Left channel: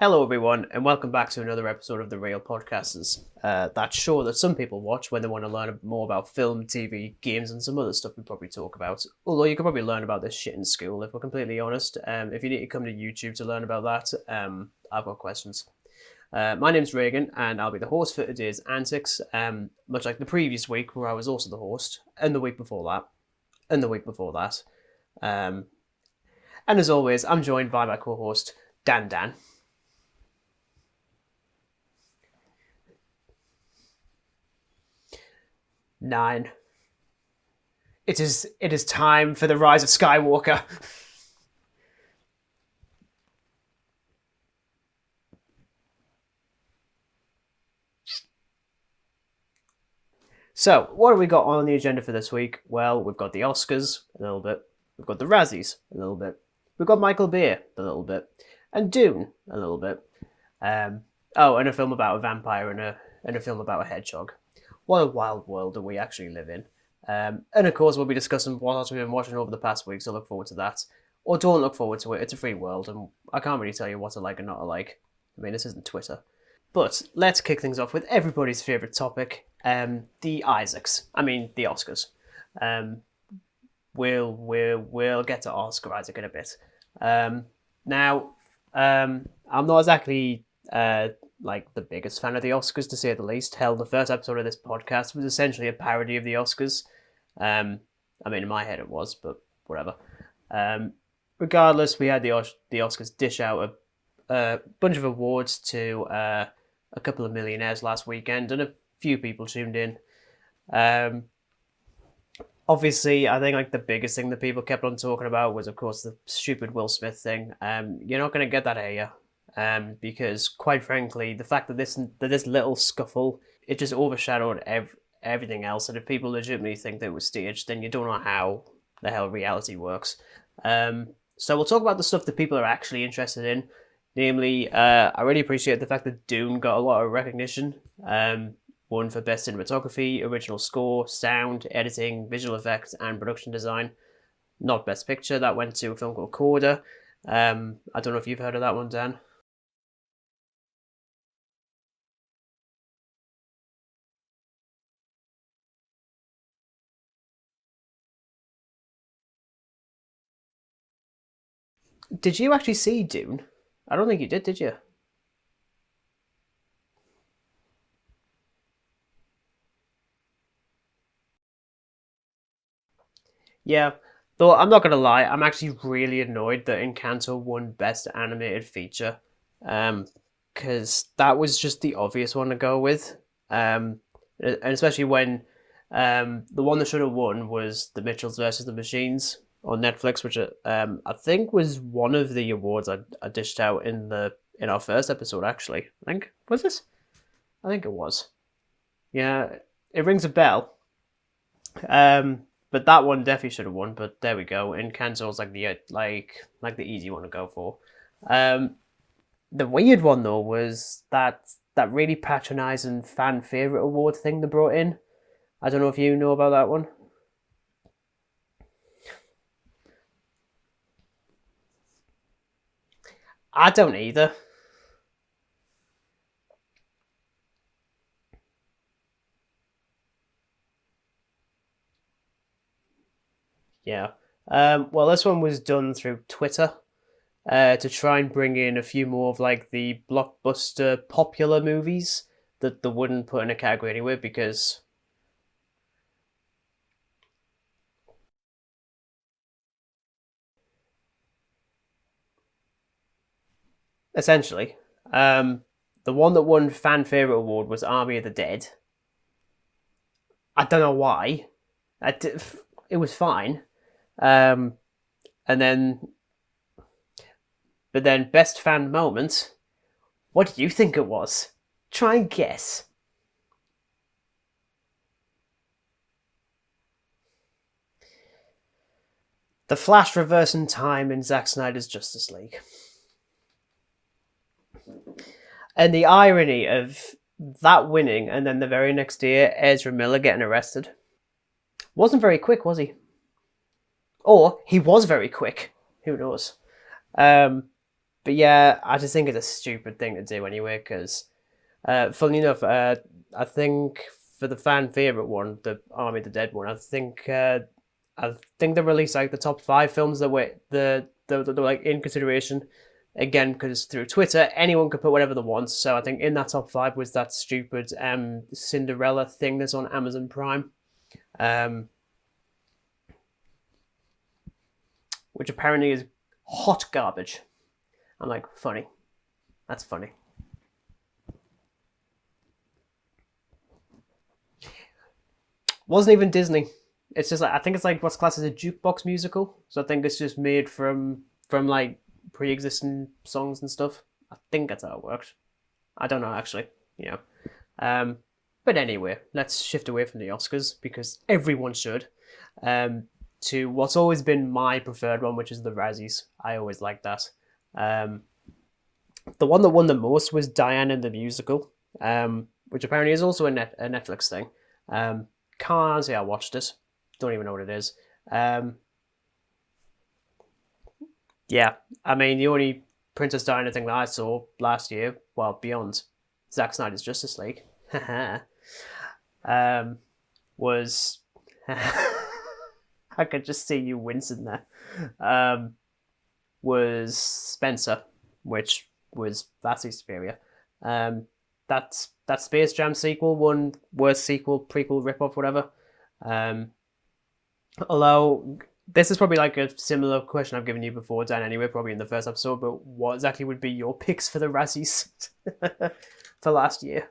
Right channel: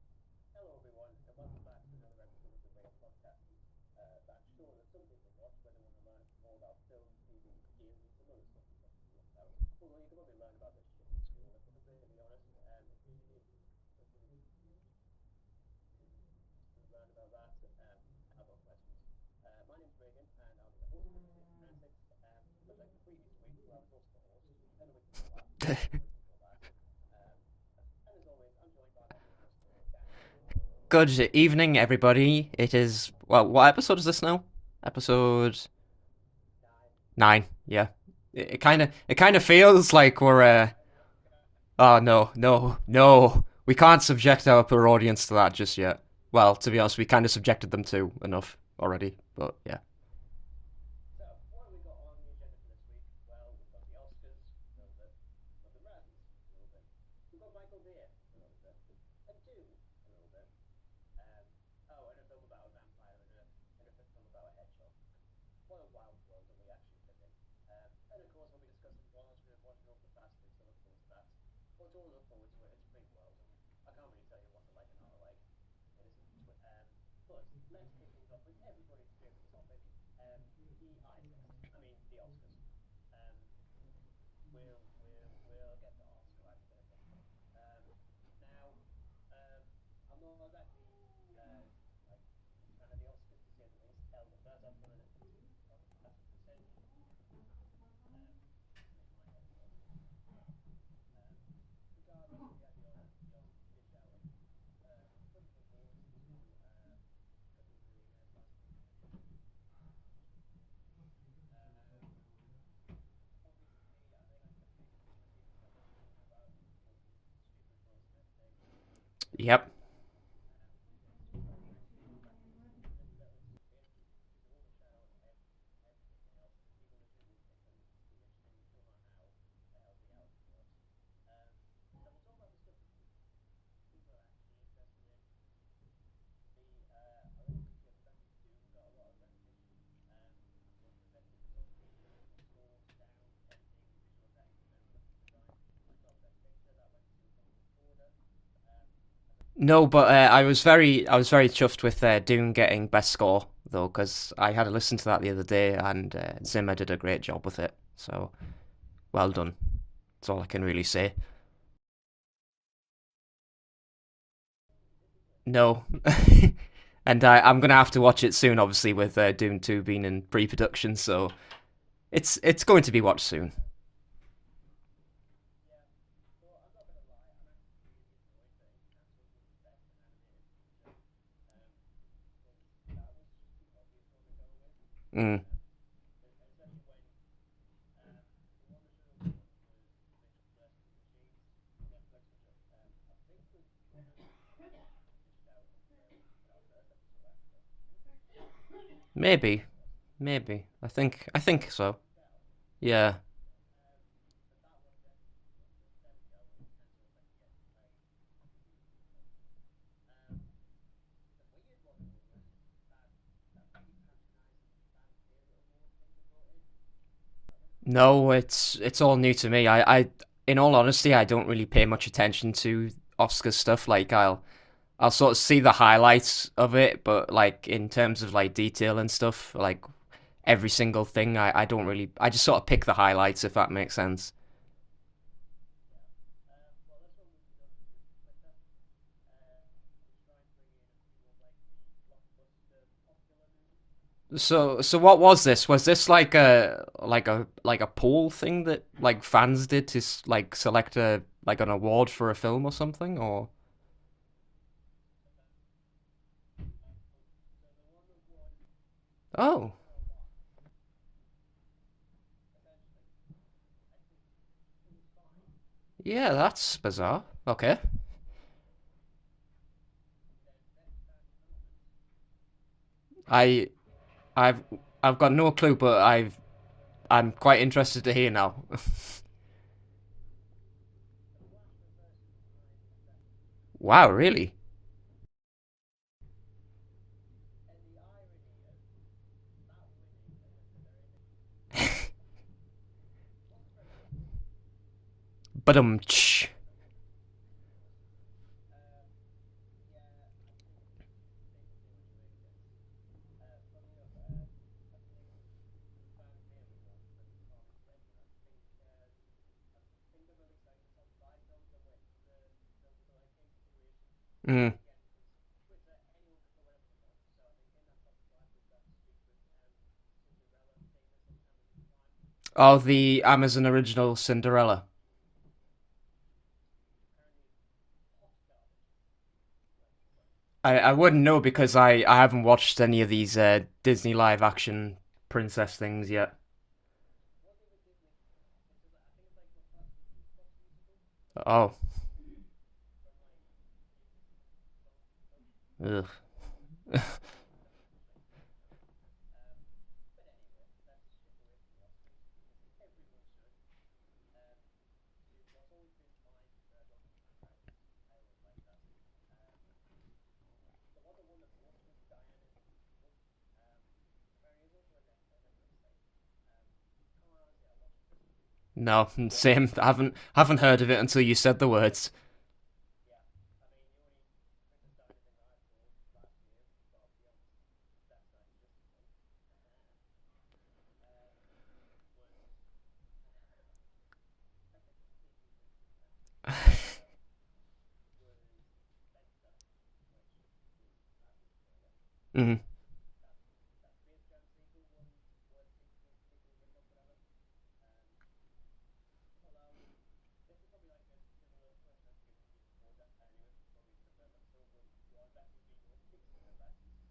Hello, everyone, and welcome back to another episode of The Real Podcasters. That show that some people watch when they want to learn more about film, TV, games, and some other stuff we probably talk about. Although you can probably learn about this shit in school, if we're completely honest. If you need to come to YouTube to learn about that, I've got questions. My name's Regan, and I'll be the host for today's antics, much like the previous week, where I was also the host, and the week before that, and the week before that. And as always, I'm joined by my co-host, Dan. Good evening, everybody. It is, well, what episode is this now? Episode 9. 9, yeah. It is It kind of time for the feels Rise of like we're, Skywalker. oh, no. We can't subject our poor audience to that just yet. Well, to be honest, we kind of subjected them to enough already, but yeah. So, what have we got on the agenda for this week? Well, we've got the Oscars, a little bit. We've got the Razzies, a little bit. We've got Michael Bay, a little bit. And Dune, a little bit. And a film about a vampire and a film about a hedgehog. What a wild world that we actually live in. And of course, we'll be discussing what else we've been watching over the past week, so look forward to that. Or don't look forward to it, it's a free world, and I can't really tell you what to like and not to like. I mean, this isn't Twitter. But let's kick things off with everybody's favourite topic, the Oscars. We'll get to Oscar Isaac in a bit. Now, I'm not exactly like the biggest fan of the Oscars, to say the least. Hell, the first episode of this podcast was essentially a parody of the Oscars. I mean, in my head it was, but whatever. Regardless, we had the Oscars dish out a bunch of awards to a couple of millionaires last weekend, and a few people tuned in. Obviously, I think like the biggest thing that people kept on talking about was, of course, the stupid Will Smith thing. You're not going to get that here. Yep. Because quite frankly, the fact that this little scuffle, it just overshadowed everything else. And if people legitimately think that it was staged, then you don't know how the hell reality works. So we'll talk about the stuff that people are actually interested in. Namely, I really appreciate the fact that Dune got a lot of recognition. Won for Best Cinematography, Original Score, Sound, Editing, Visual Effects, and Production Design. Not Best Picture, that went to a film called Coda. I don't know if you've heard of that one, Dan. No, but I was very chuffed with Dune getting Best Score, though, because I had a listen to that the other day, and Zimmer did a great job with it. So, well done. That's all I can really say. Did you actually see Dune? I don't think you did you? No. And I'm going to have to watch it soon, obviously, with Dune 2 being in pre-production, so it's going to be watched soon. Yeah, though I'm not going to lie, I'm actually really annoyed that Encanto won Best Animated Feature, because that was just the obvious one to go with, and especially when the one that should have won was The Mitchells versus the Machines on Netflix, which I think was one of the awards I dished out in our first episode, actually. Was this? I think it was. Yeah, Maybe. It rings a bell. I think so. But that one definitely should have won. But there we go. Encanto's like the easy one to go for. The weird one though was that really patronising fan favourite award thing they brought in. I don't know if you know about that one. No, it's all new to me. I in all honesty, I don't really pay much attention to Oscar stuff. I don't either. I'll sort of see the highlights of it, but like in terms of like detail and stuff, like every single thing, I don't really. I just sort of pick the highlights, if that makes sense. Well, this one was done through Twitter, to try and bring in a few more of like the blockbuster popular movies that they wouldn't put in a category anyway. Because so what was this? Was this like a poll thing that like fans did to like select an award for a film or something, or essentially, the one that won fan favorite award was Army of the Dead. Oh, I don't know why. It was fine. And then yeah, that's bizarre. Okay, but then best fan moment. What do you think it was? Try and guess. I've got no clue, but I'm quite interested to hear now. The Flash reversing time in Zack Snyder's Justice League. Wow, really? And the irony of that winning, and then the very next year, Ezra Miller getting arrested. Wasn't very quick, was he? Or he was very quick. But who knows? But yeah, I just think it's a stupid thing to do anyway. Because, funnily enough, I think for the fan favorite one, the Army of the Dead one, I think they released like the top 5 films that were the like in consideration. Again, because through Twitter, Mm. anyone could put whatever they want. So I think in that top 5 was that stupid Cinderella thing that's on Amazon Prime, um, Oh, the Amazon original Cinderella. which apparently is hot garbage. I'm like, funny. That's funny. I wouldn't know because I haven't watched any of these Disney live action princess things Wasn't even yet. Disney. It's just like I think it's like what's classed as a jukebox musical. So I think it's just made from Oh, like pre-existing songs and stuff. I think that's how it works. I ugh. don't know actually. Yeah. But anyway, let's shift away from the Oscars because everyone should. To what's always been my preferred one, which is the Razzies. I always like that. Um, the one that won the most was Diana the Musical, which apparently is also a Netflix thing. Can't say I watched it. Don't even know what it is. No, same. I haven't heard of it until you said the Yeah, words. I mean the only Princess Diana thing that I saw last year, well, beyond Zack Snyder's Justice League, um, was I could just see you wincing there. Was Spencer, which was vastly superior. That Mhm. Space Jam sequel won worst sequel, prequel, ripoff, whatever. Um, although this is probably like a similar question I've given you before, Dan. Anyway, probably in the first episode. But what exactly would be your picks for the Razzies for last year?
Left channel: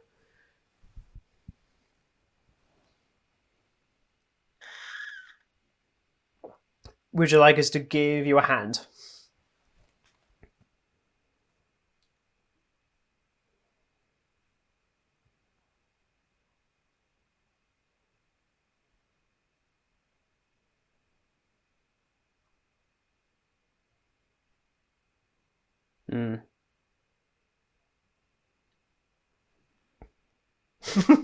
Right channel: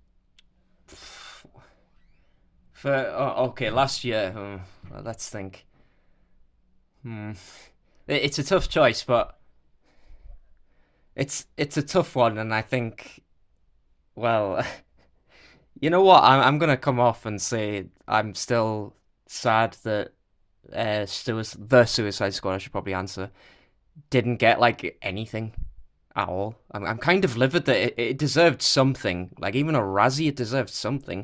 Okay, last year. Let's think. Would Hmm. you like us to give It's you a a tough hand? choice, but it's a tough one, and I think, well, you know what? I'm gonna come off and say I'm still sad that the Suicide Squad, I should probably answer, didn't get like anything at Mm. all. I'm kind of livid that it deserved something, like even a Razzie, it deserved something.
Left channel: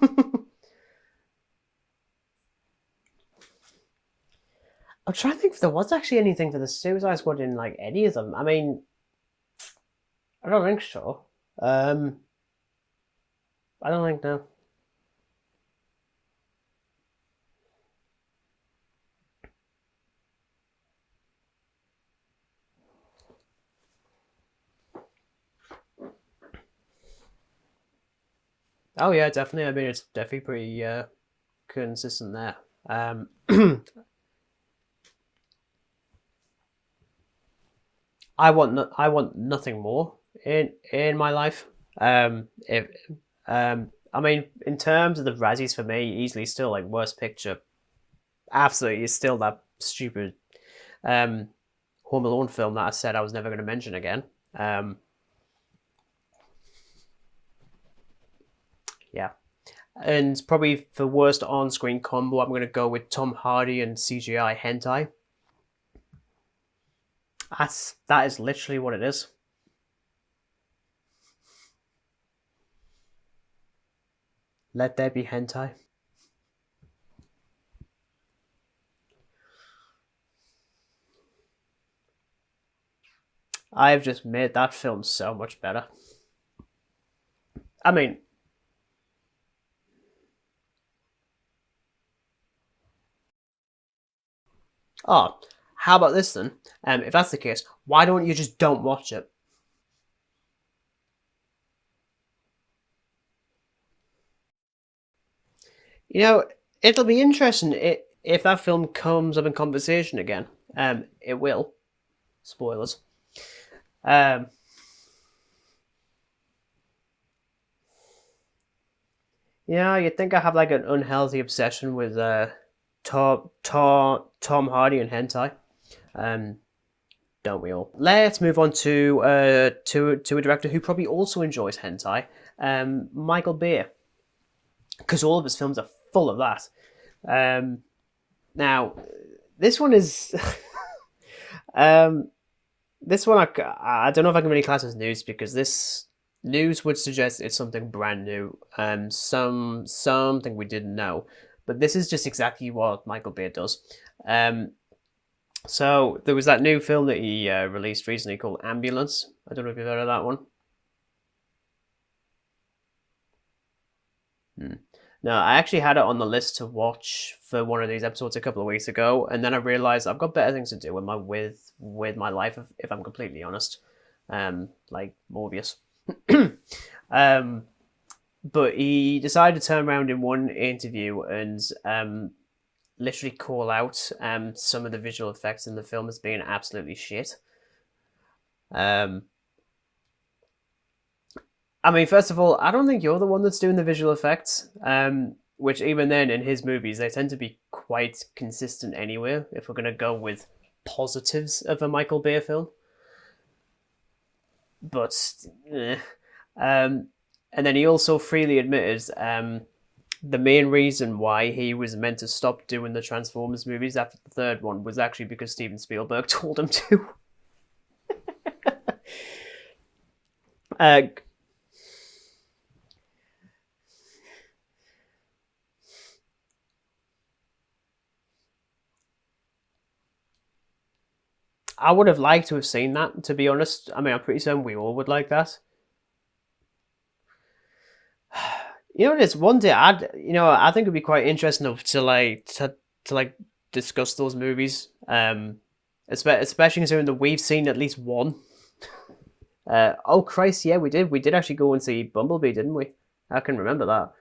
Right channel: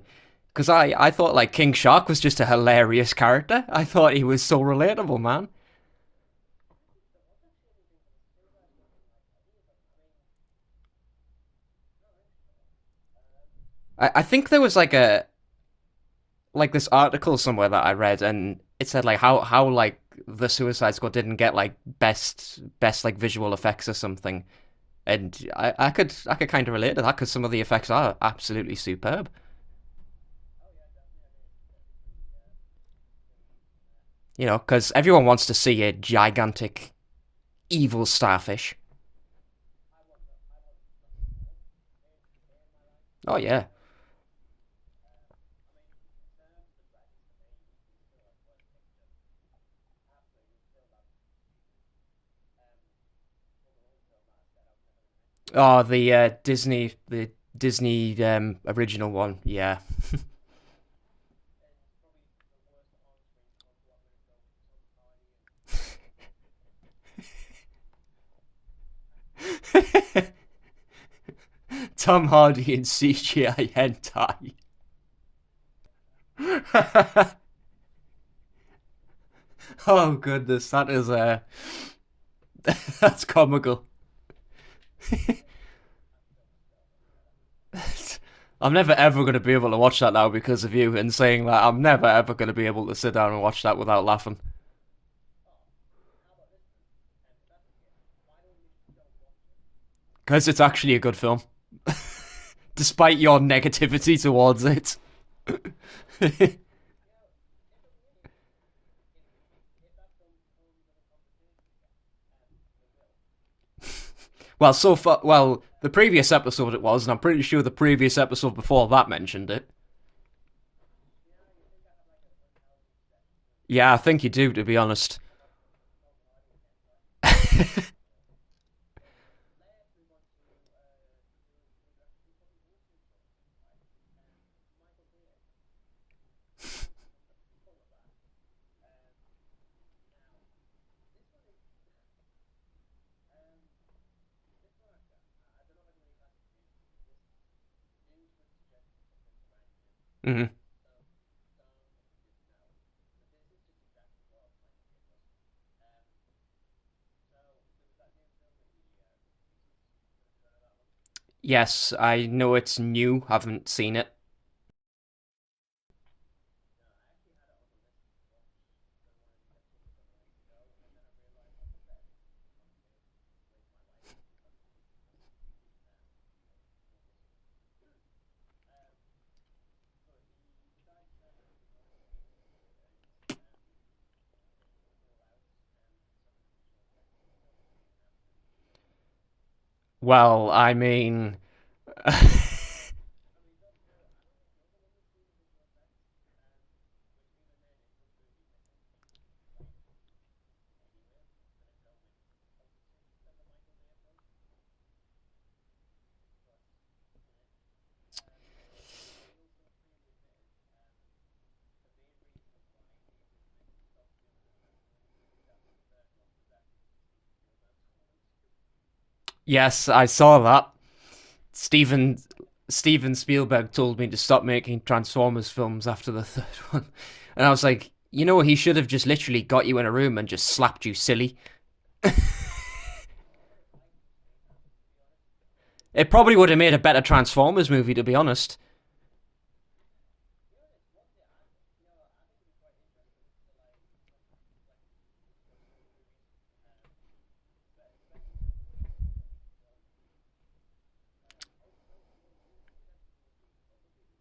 Because I thought like King Shark was just a hilarious character. I thought he was so I'm relatable, trying to man. think if there was actually anything for the Suicide Squad in like any of them. I mean, I don't think so. Um, I don't think I so. think there was like this article somewhere that I read, and it said like how like the Suicide Squad didn't get like best like visual effects or something, and I could kind of relate to that because some of the effects are absolutely Oh yeah, superb. definitely. I mean, it's definitely pretty consistent there. You know, because everyone wants to see a gigantic evil starfish. I want nothing more in my life. If Oh yeah. I mean, in terms of the Razzies for me, easily still like worst picture. Absolutely, is still that stupid um Home Alone film that I said I was never going to mention again. Um, Oh, the Disney original yeah, one. Yeah. and probably for worst on-screen combo, I'm going to go with Tom Hardy and CGI hentai. That is literally what it is. Tom Hardy in CGI hentai. Let there be hentai. Oh goodness, that is that's comical. I have just made that film so much better. I mean, I'm never ever going to be able to watch that now because of you, and saying that I'm never ever going to be able to sit down and watch that without laughing. oh, how about this then? If that's the case, why don't you just don't watch it? Because it's actually a good film, despite your negativity towards it. You know, it'll be interesting if that film comes up in conversation again. It will. Spoilers. Um, Well, so far, well, the previous episode it was, and I'm pretty sure the previous episode before that mentioned it. yeah, you'd think I have like an unhealthy obsession with Yeah, I think you do, to Tom be Hardy and honest. hentai. Um, don't we all? Let's move on to a director who probably also enjoys hentai, Michael Bay, because all of his films are full of that. Now, this one is, um, this one I don't know if I can really class as news because this news would suggest it's something brand new, Hmm. something we didn't know, but this is just exactly what Michael Bay does. Um, So there was that new film that he released recently called Ambulance. I don't know if you've heard of that one. Yes, I know it's new. Haven't seen it. Hmm. No, I actually had it on the list to watch for one of these episodes a couple of weeks ago, and then I realized I've got better things to do with my life, if I'm completely honest. Like Morbius. um, but he decided to turn around in one interview and literally call out some of the visual effects in the film as being absolutely shit. Um, Well, I mean, first of all, I don't think you're the one that's doing the visual effects. Which even then, in his movies, they tend to be quite consistent anyway. If we're gonna go with positives of a Michael Bay film, but eh. And then he also freely admitted the main reason why he was meant to stop doing the Transformers movies after the third one was actually because Steven Spielberg told him to. yes, I saw that. Uh, Steven Spielberg told me to stop making Transformers films after the third one, and I was like, he should have just literally got you in a room and just slapped you silly. I would have liked to have seen that, to be honest. I mean, I'm pretty certain we all would like that. It probably would have made a better Transformers movie, to be honest. You know what it is? One day, I think it'd be quite interesting to discuss those movies. Especially considering that we've seen at least one. Oh Christ, yeah, we did. We did actually go and see Bumblebee, didn't we? I can remember that.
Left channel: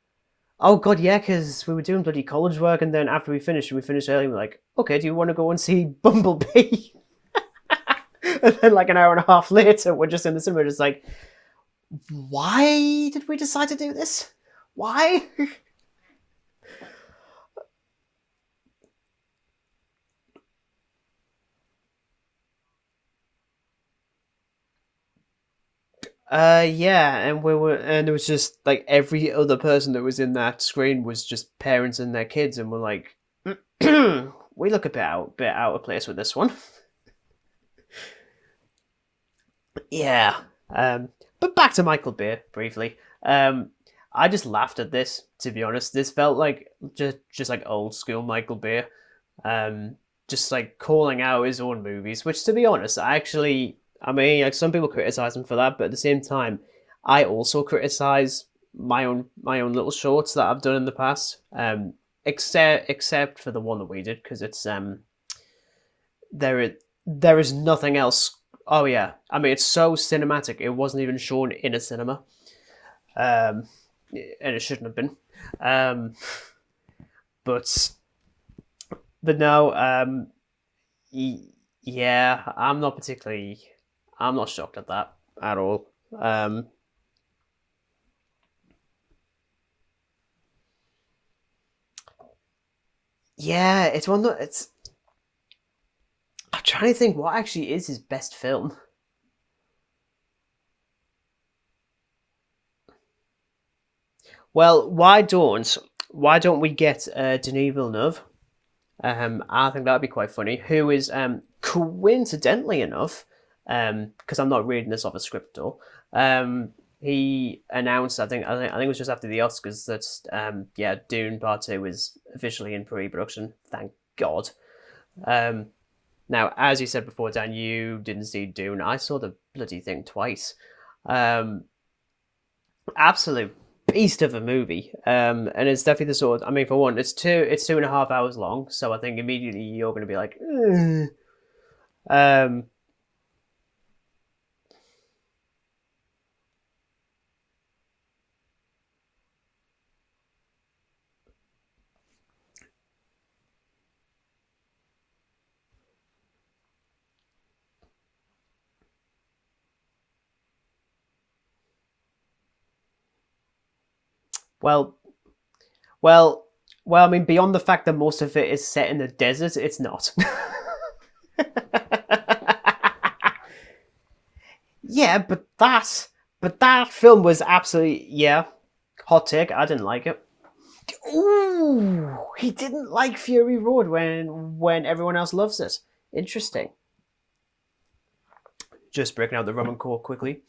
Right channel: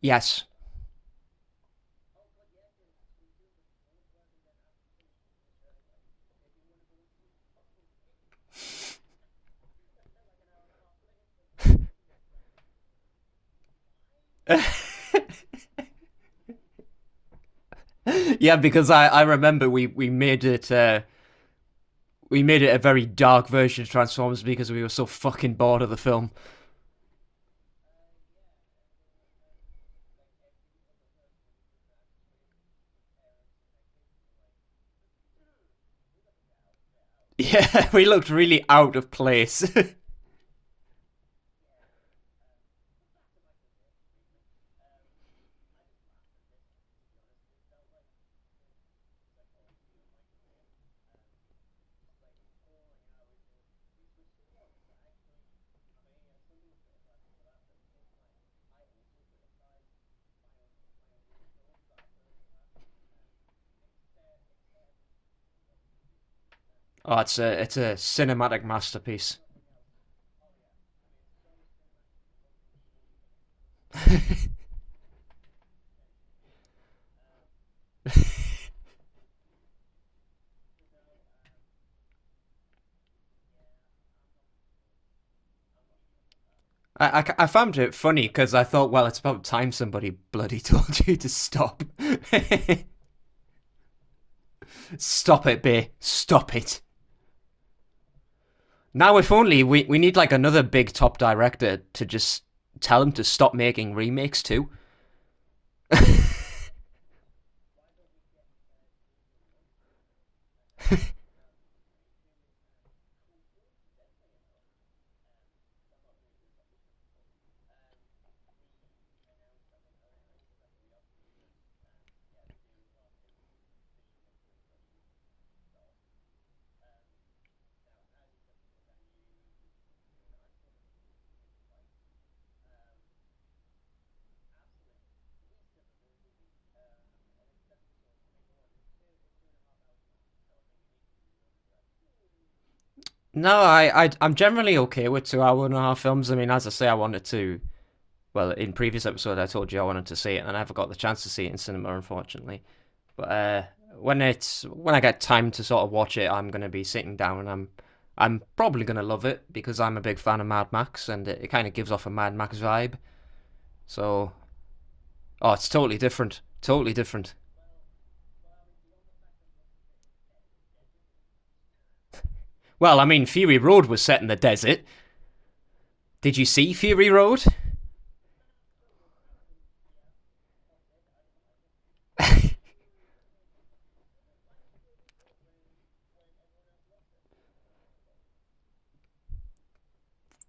Yes. Oh God, yeah, because we were doing bloody college work, and then after we finished early. We're like, okay, do you want to go and see Bumblebee? And then, like an hour and a half later, we're just in the cinema, just like, why did we decide to do this? Why? Yeah, because I remember we made it a very dark version of Transformers because we were so fucking bored of the film. Yeah, and it was just like every other person that was in that screen was just parents and their kids, and we're like, we look a bit out of place with this one. Yeah, we looked really out of place. Yeah. But back to Michael Bay briefly. I just laughed at this, to be honest. This felt like just like old school Michael Bay. Just like calling out his own movies, which, to be honest, I mean, like, some people criticize him for that, but at the same time, I also criticize my own little shorts that I've done in the past. Except for the one that we did, because it's there is nothing else. Cinematic masterpiece. Oh yeah, I mean, it's so cinematic. It wasn't even shown in a cinema, and it shouldn't have been. But no, yeah, I'm not shocked at that at all. I found it funny because I thought, well, it's about time somebody bloody told you to stop. Yeah, it's Stop it, Bay. Stop I'm it. trying to think what actually is his best film. Now, if only we need like another big top director to just tell him to stop making remakes too. Well, why don't we get Denis Villeneuve? I think that'd be quite funny. Who is coincidentally enough, because I'm not reading this off a script though. He announced, I think it was just after the Oscars, that Dune Part 2 is officially in pre-production. Thank God. Now, as you said before, Dan, you didn't see Dune. I saw the bloody thing twice. Absolute beast of a movie. And it's definitely the sort of, I mean, for one, it's 2.5 hours long, so I think immediately you're going to be like, No, I'm generally okay with 2.5 hour films. I mean, as I say, I wanted to. Well, in previous episode, I told you I wanted to see it, and I never got the chance to see it in cinema, unfortunately. But when I get time to sort of watch it, I'm gonna be sitting down, and I'm probably gonna love it because I'm a big fan of Mad Max, and it kind of gives off a Mad Max vibe. So, well, it's totally different. Totally well, different. I mean, beyond the fact that most of it is set in the desert, it's not. Well, I mean, Fury Road was set in the desert. Yeah, but that... Did you see that Fury film Road? Was absolutely... Yeah. Hot take, I didn't like it. Ooh! He didn't like Fury Road when everyone else loves it. Interesting. Just breaking out the rum and coke quickly.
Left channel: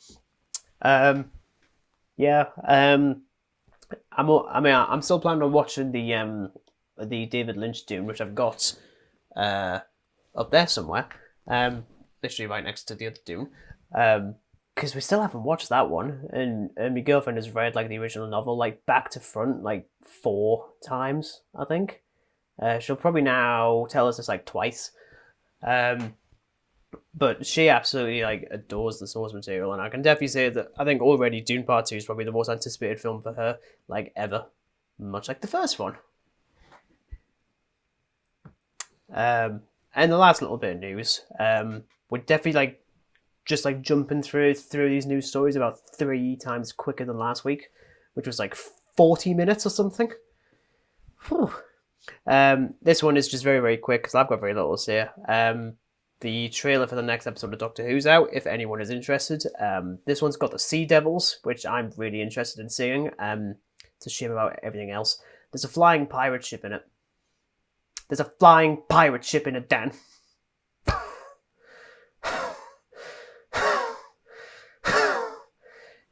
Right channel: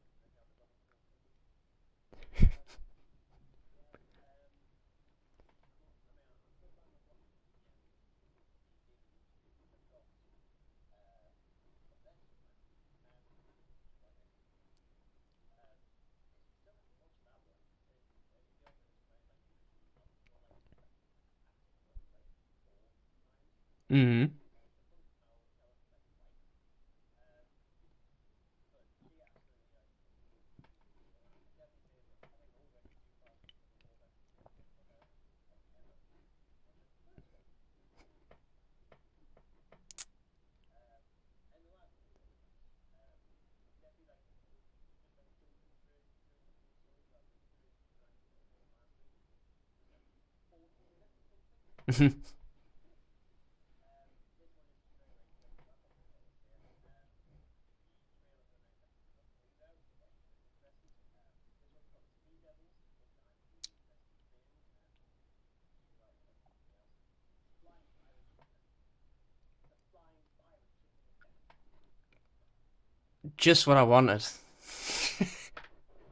Yeah. I'm still planning on watching the David Lynch Dune, which I've got up there somewhere, literally right next to the other Dune. Because we still haven't watched that one, and my girlfriend has read like the original novel like back to front like 4 times, I think. She'll probably now tell us it's like twice. But she absolutely like adores the source material, and I can definitely say that I think already Dune Part 2 is probably the most anticipated film for her like ever, much like the first one. And the last little bit of news, we're definitely like just like jumping through these news stories about 3 times quicker than last week, which was like 40 minutes or something. This one is just very, very quick because I've got very little to say. The trailer for the next episode of Doctor Who's out, if anyone is interested. This one's got the Sea Devils, which I'm really interested in seeing. It's a shame about everything else. There's a flying pirate ship in it. There's a flying pirate ship in it, Dan. Just what I wanted.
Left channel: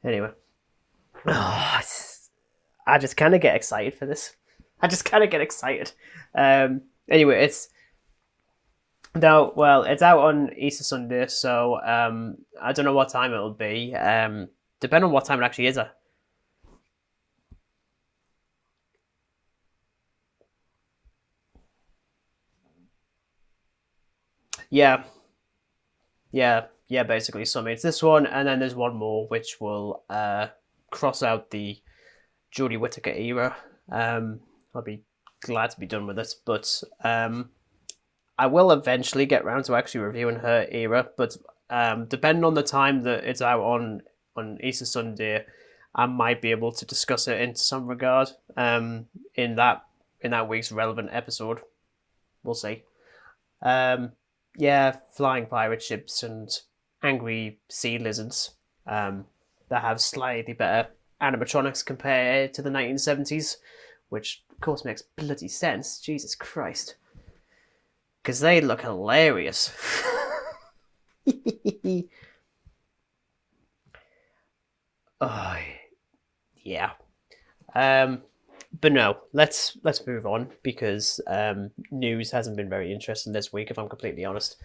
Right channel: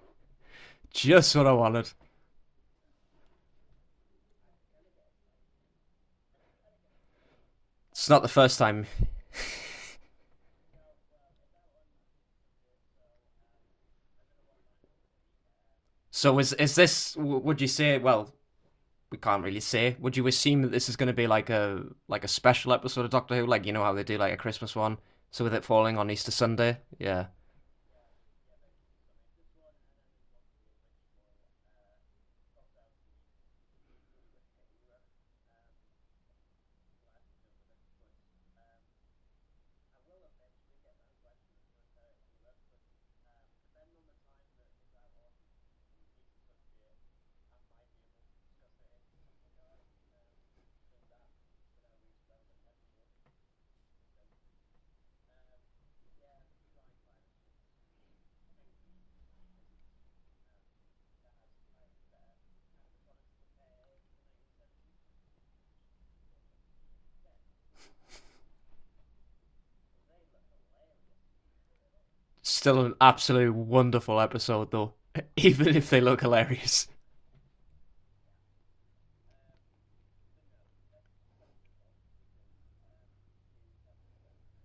Anyway. Just what I wanted. I just kind of get excited for this. Anyway, it's not the first time. No, well, it's out on Easter Sunday, so I don't know what time it'll be. Depending on what time it actually is. So is this? Would you say? Well, we can't really say. Would you assume that this is going to be like a special episode of Doctor Who, like you know how they do like a Christmas one? So with it falling on Easter Sunday. Yeah, basically. So it's this one, and then there's one more which will cross out the Jodie Whittaker era. I'll be glad to be done with it, but I will eventually get round to actually reviewing her era. But depending on the time that it's out on Easter Sunday, I might be able to discuss it in some regard in that week's relevant episode. We'll see. Flying pirate ships and angry sea lizards that have slightly better animatronics compared to the 1970s, which of course makes bloody sense. Jesus Christ. Because they look hilarious. Still an absolute wonderful episode though. Even if they look hilarious. Yeah. But no, let's move on because news hasn't been very interesting this week, if I'm completely honest.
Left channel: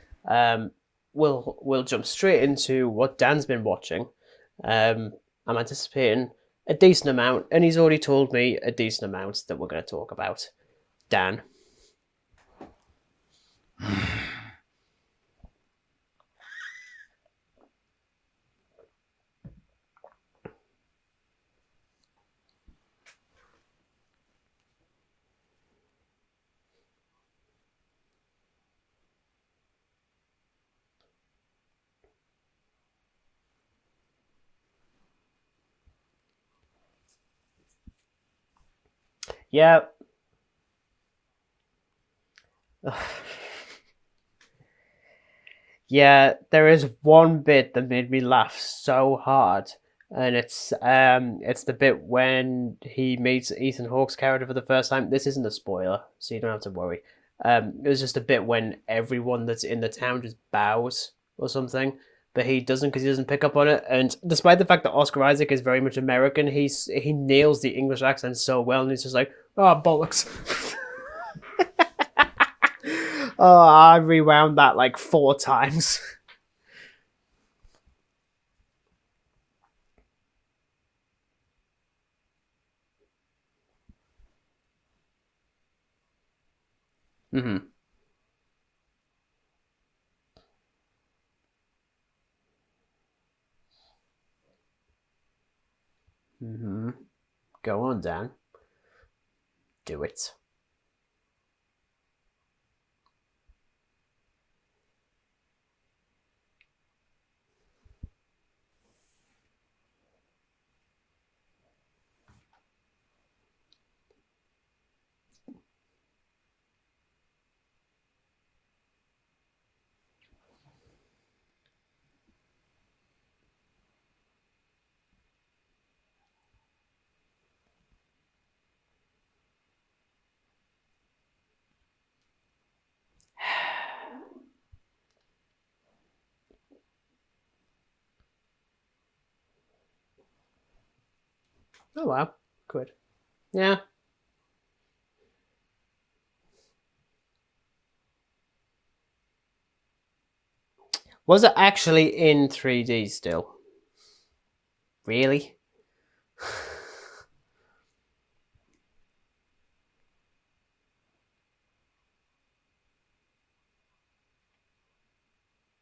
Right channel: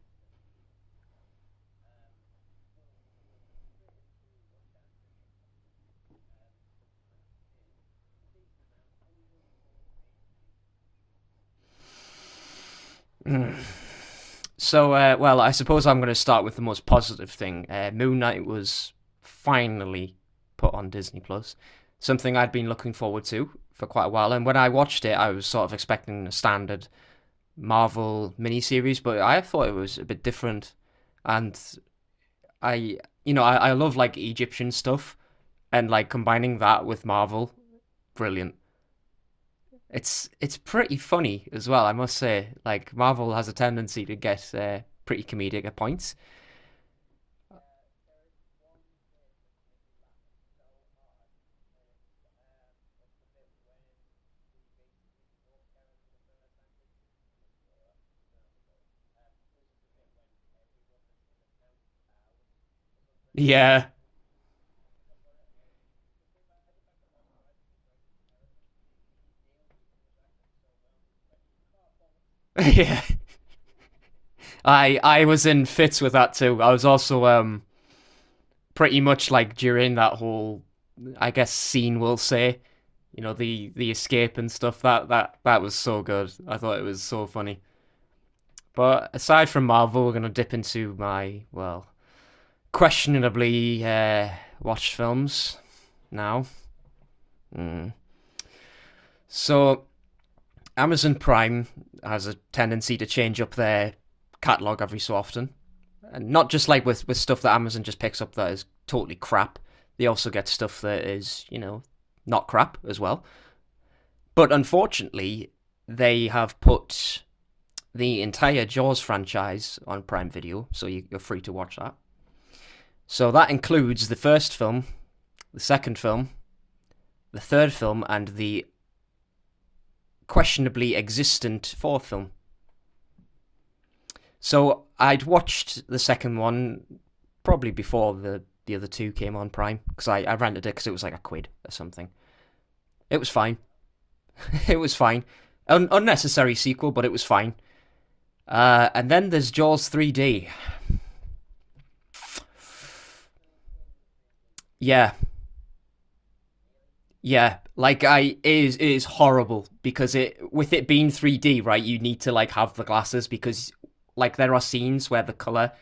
We'll jump straight into what Dan's been watching. I'm anticipating a decent amount, and he's already told me a decent amount that we're going to talk about. Dan. So, well, I suppose I'm going to start with the most positive thing. Moon Knight was finally put on Disney Plus, something I'd been looking forward to for quite a while. And when I watched it, I was sort of expecting a standard Marvel miniseries, but I thought it was a bit different. And I love like Egyptian stuff, and like combining that with Marvel, brilliant. Yeah, it's pretty funny as well, I must say. Like Marvel has a tendency to get pretty comedic at points. Yeah, there is one bit that made me laugh so hard, and it's the bit when he meets Ethan Hawke's character for the first time. This isn't a spoiler, so you don't have to worry. It was just a bit when everyone that's in the town just bows or something, but he doesn't because he doesn't pick up on it. And despite the fact that Oscar Isaac is very much American, he nails the English accent so well, and he's just like, oh, bollocks. Yeah. Oh, I rewound that like 4 I was times. in fits with that too. I was also pretty much like during that whole, I guess, scene, we'll say, you know, the escape and stuff. That was so good. I thought it was so funny. Mm-hmm. But aside from Marvel, we're gonna dip into my questionably watched films now. Mm-hmm. Go on, Dan. So do it. Amazon Prime has a tendency to change up their catalog every so often, and not just like with stuff that Amazon just picks up that is totally crap. They also get stuff that is, you know, not crap as well. But unfortunately, they have put the entire Jaws franchise on Prime Video, so you're free to watch that. So that includes the first film, the second film, the third film, and the questionably existent fourth film. So I'd watched the second one probably before the other two came on Prime, because I rented it because it was like £1 or something. Oh wow, £1. It was fine. Yeah. It was fine. Unnecessary sequel, but it was fine. And then there's Jaws 3D. Was it actually in 3D still? Yeah, Really? yeah. Like it is horrible because with it being 3D, right? You need to like have the glasses because like there are scenes where the color,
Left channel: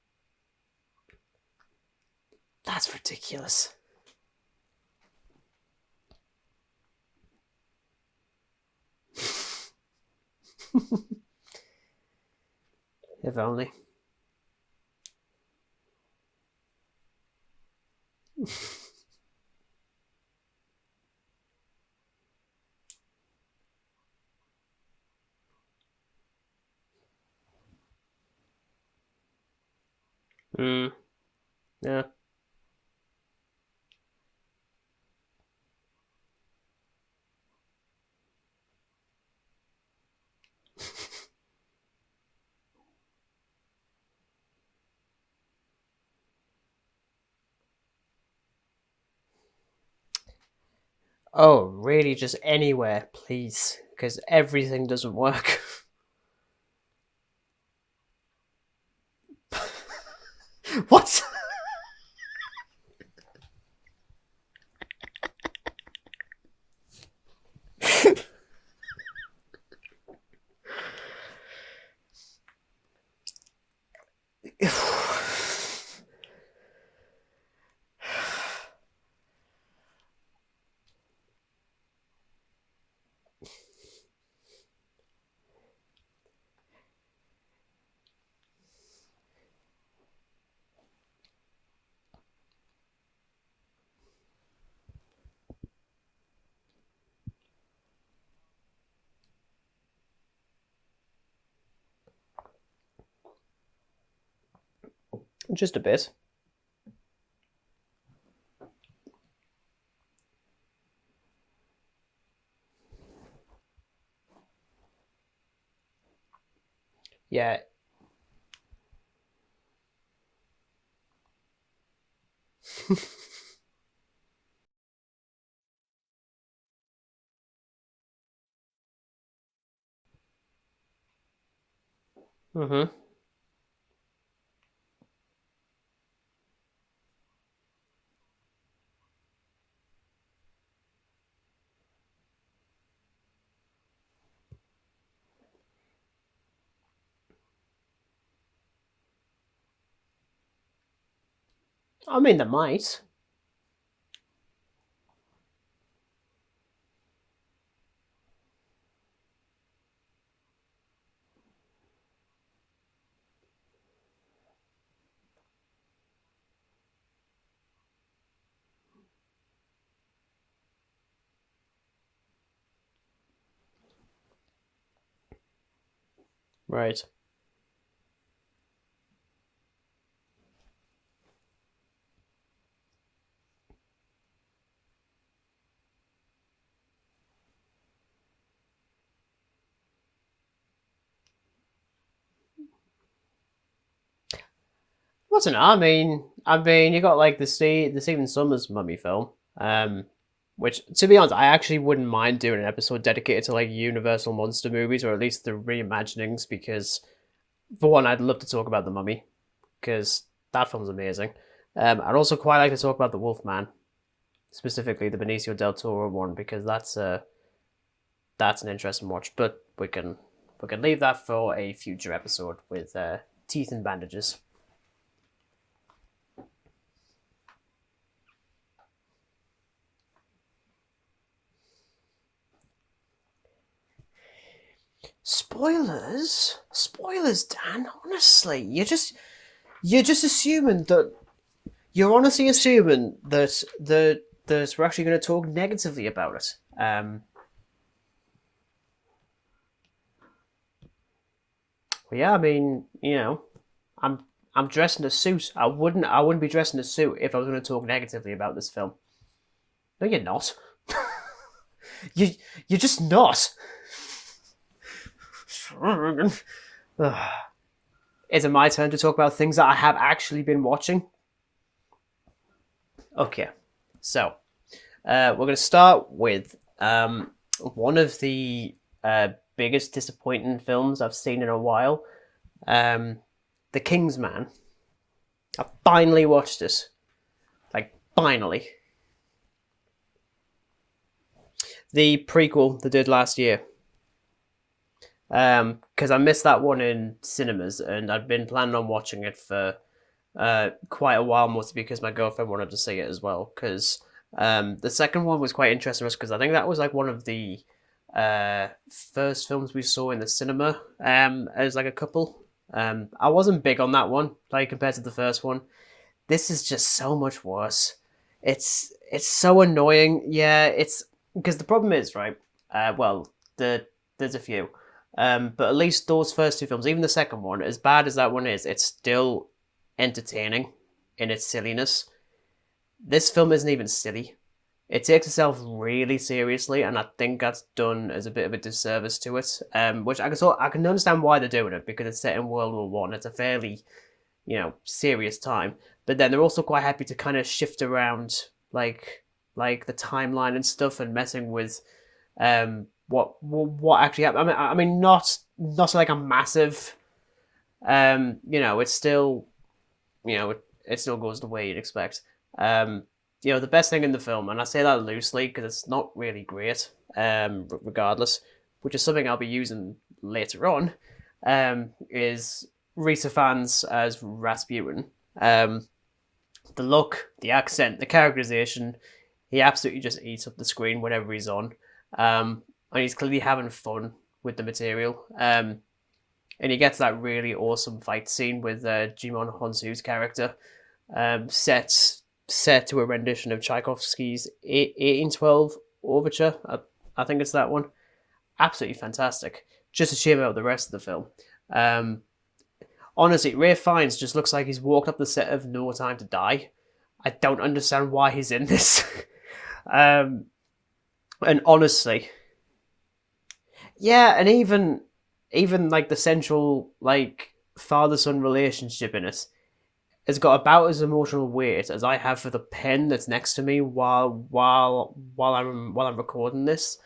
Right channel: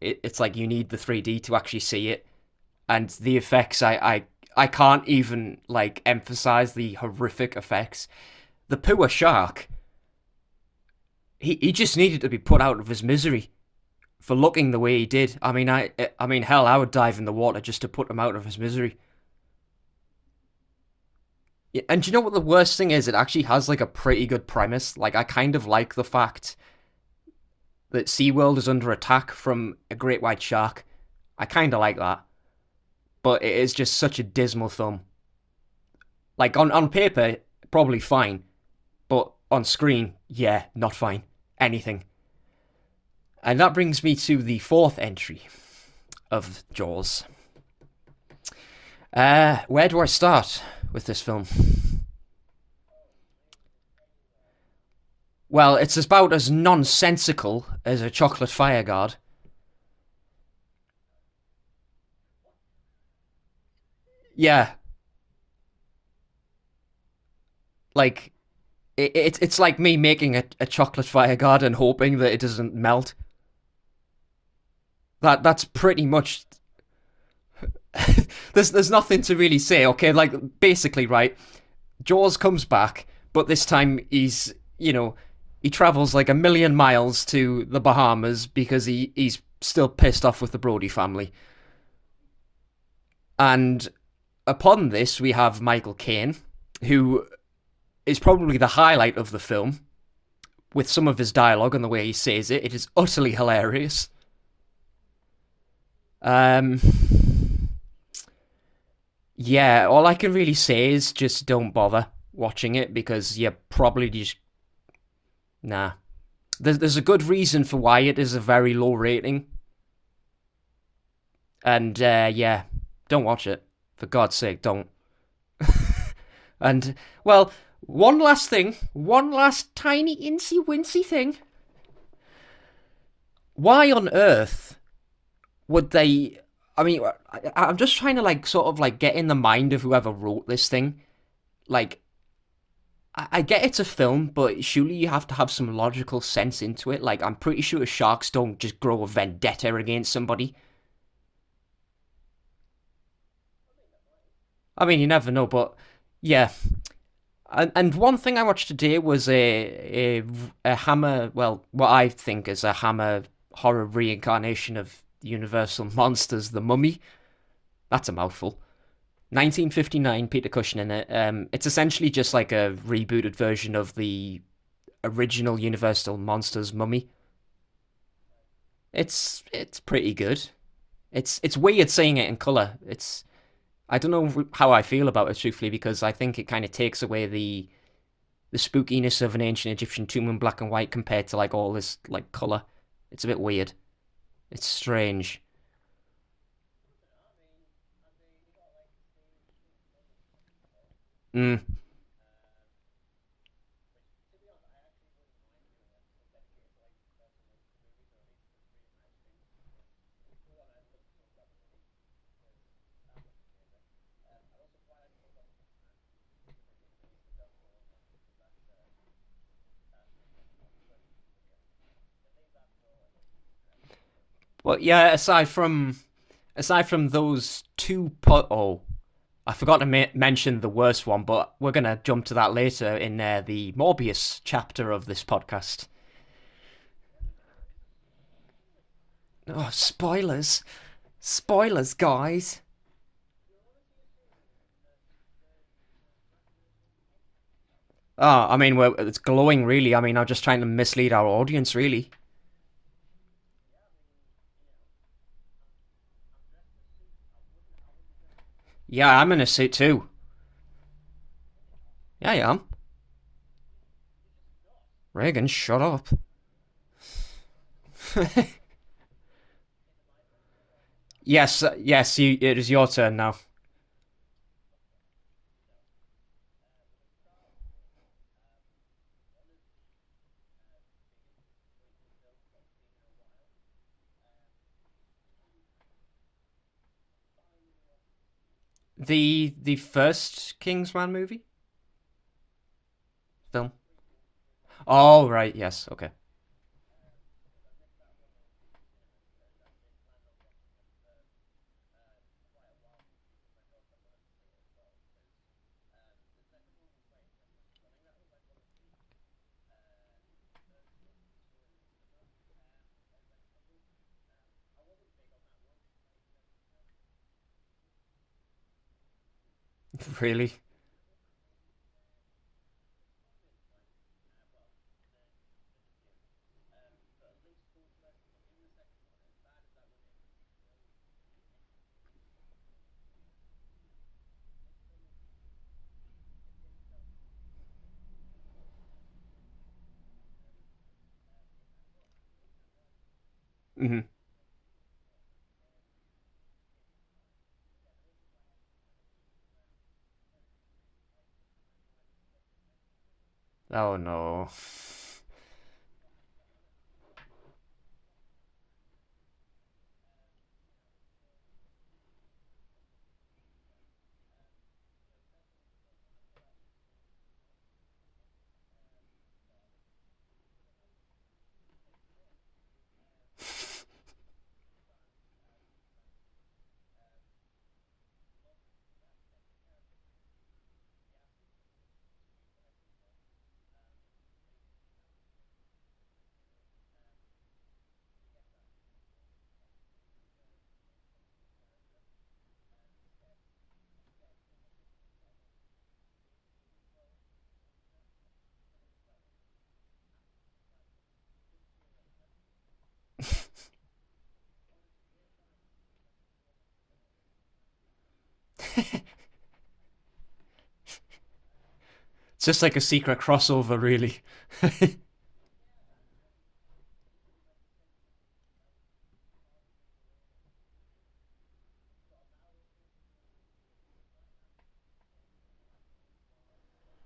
it's like you need the 3D to actually see it, That's and ridiculous. the effects I can't even like emphasize the horrific effects. The poor shark. He just needed to be put out of his misery If only. for looking the way he did. I mean, hell, I would dive in the water just to put him out of his misery. Yeah, and do you know what the worst thing is? It actually has like a pretty good premise. Like I kind of like the fact that SeaWorld is under attack from a great white shark. I kind of like that. But it is just such a dismal film. Like on paper, probably fine. But on screen, yeah, not fine. Anything. And that brings me to the fourth entry of Jaws. Where do I start with this film? Oh, really? Just anywhere, please. Because everything doesn't work. Well, it's about as nonsensical as a chocolate fire guard. What? Yeah. Like, it's like me making a chocolate fire guard and hoping that it doesn't melt. That's pretty much... There's nothing to really say, okay? Like, basically, right, Jaws comes back, but this time he's, he travels like 1,000,000 miles to the Bahamas because he's still pissed off with the Brody family. And upon this, we have Michael Caine, who is probably the highlight of the film, with some of his dialogue and the way he says it. It is utterly hilarious. Just a bit. Yeah, all I can really say is just don't bother watching it because you probably just... Nah. There's a good reason for why it is a very low rating. And, yeah, don't watch it. For God's sake, don't. And, well, one last thing. One last tiny incy-wincy thing. Mm-hmm. Why on earth would they... I mean, I'm just trying to, like, sort of, like, get in the mind of whoever wrote this thing. Like, I get it's a film, but surely you have to have some logical sense into it. Like, I'm pretty sure sharks don't just grow a vendetta against somebody. I mean, they might. I mean, you never know, but yeah. And one thing I watched today was a Hammer, well, what I think is a Hammer horror reincarnation of Universal Monsters, The Mummy. That's a mouthful. 1959, Peter Cushing in it. It's essentially just like a rebooted version of the original Universal Monsters Mummy. It's pretty good. It's weird seeing it in colour. I don't know how I feel about it, truthfully, because I think it kind of takes away the spookiness of an ancient Egyptian tomb in black and white compared to like all this like colour. It's a bit weird. It's strange. What's it? I mean, you got like the Stephen Sommers Mummy film, which, to be honest, I actually wouldn't mind doing an episode dedicated to like Universal monster movies, or at least the reimaginings, because for one, I'd love to talk about the Mummy, because that film's amazing. I'd also quite like to talk about the Wolfman, specifically the Benicio del Toro one, because that's an interesting watch. But we can leave that for a future episode with teeth and bandages. Well, yeah. Aside from those two, I forgot to mention the worst one, but we're gonna jump to that later in the Morbius chapter of this podcast. Spoilers, Dan. Honestly, you're just assuming that spoilers. You're guys. honestly assuming that we're actually going to talk negatively about it. I mean, it's glowing, really. I mean, I'm just trying to mislead our audience, really. Yeah, I mean, I'm dressed in a suit. I wouldn't be dressed in a suit if I was going to talk negatively about this film. Yeah, I'm in a suit too. No, you're not. I am. You're just not. Regan, shut up. Is it my turn to talk about things that I have actually been watching? Yes. It is your turn now. Okay, so we're going to start with one of the biggest disappointing films I've seen in a while. The Kingsman. I finally watched it. Like, finally. The first Kingsman movie The prequel they did last year. film. Oh right, yes. Okay. Because I missed that one in cinemas, and I'd been planning on watching it for quite a while, mostly because my girlfriend wanted to see it as well. Because the second one was quite interesting because I think that was like one of the first films we saw in the cinema as like a couple. I wasn't big on that one, like compared to the first one. This is just so much worse. It's so annoying. Really? Yeah, it's because the problem is right. Well, there's a few, but at least those first two films, even the second one, as bad as that one is, it's still entertaining in its silliness. This film isn't even silly. It takes itself really seriously, and I think that's done as a bit of a disservice to it. Which I can understand why they're doing it because it's set in World War One. It's a fairly serious time. But then they're also quite happy to kind of shift around like the timeline and stuff and messing with what actually happened. I mean not like a massive it's still it still goes the way you'd expect. The best thing in the film, and I say that loosely because it's not really great, regardless, which is something I'll be using later on, is Rita Fans as Rasputin. The look, the accent, the characterization, he absolutely just eats up the screen whenever he's on. And he's clearly having fun with the material. And he gets that really awesome fight scene with Jimon Honsu's character, set to a rendition of Tchaikovsky's 1812 Overture. I think it's that one. Absolutely fantastic. Just a shame about the rest of the film. Honestly, Ralph Fiennes just looks like he's walked up the set of No Time to Die. I don't understand why he's in this. And honestly, it's just like a secret crossover, really. yeah, and even like the central like father-son relationship in it has got about as emotional weight as I have for the pen that's next to me while I'm recording this.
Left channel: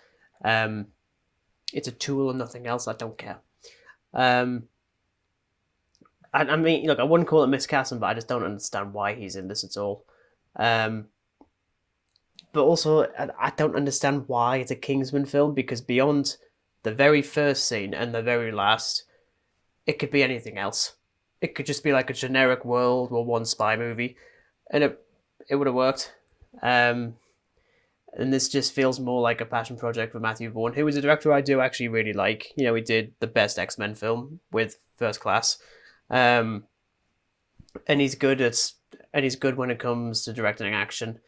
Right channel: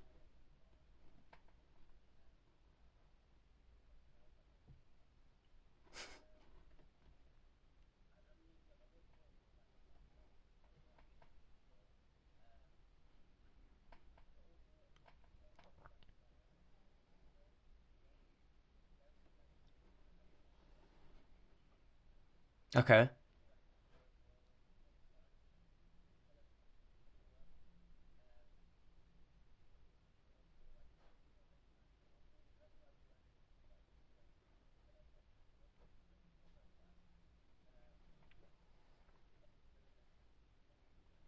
It's a tool and nothing else. I don't care. I mean, look, I wouldn't call it miscasting, but I just don't understand why he's in this at all. But also, I don't understand why it's a Kingsman film, because beyond the very first scene and the very last, it could be anything else. It could just be like a generic World War One spy movie, and it would have worked. And this just feels more like a passion project for Matthew Vaughn, who is a director I do actually really like. He did the best X-Men film with First Class. And he's good when it comes to directing action.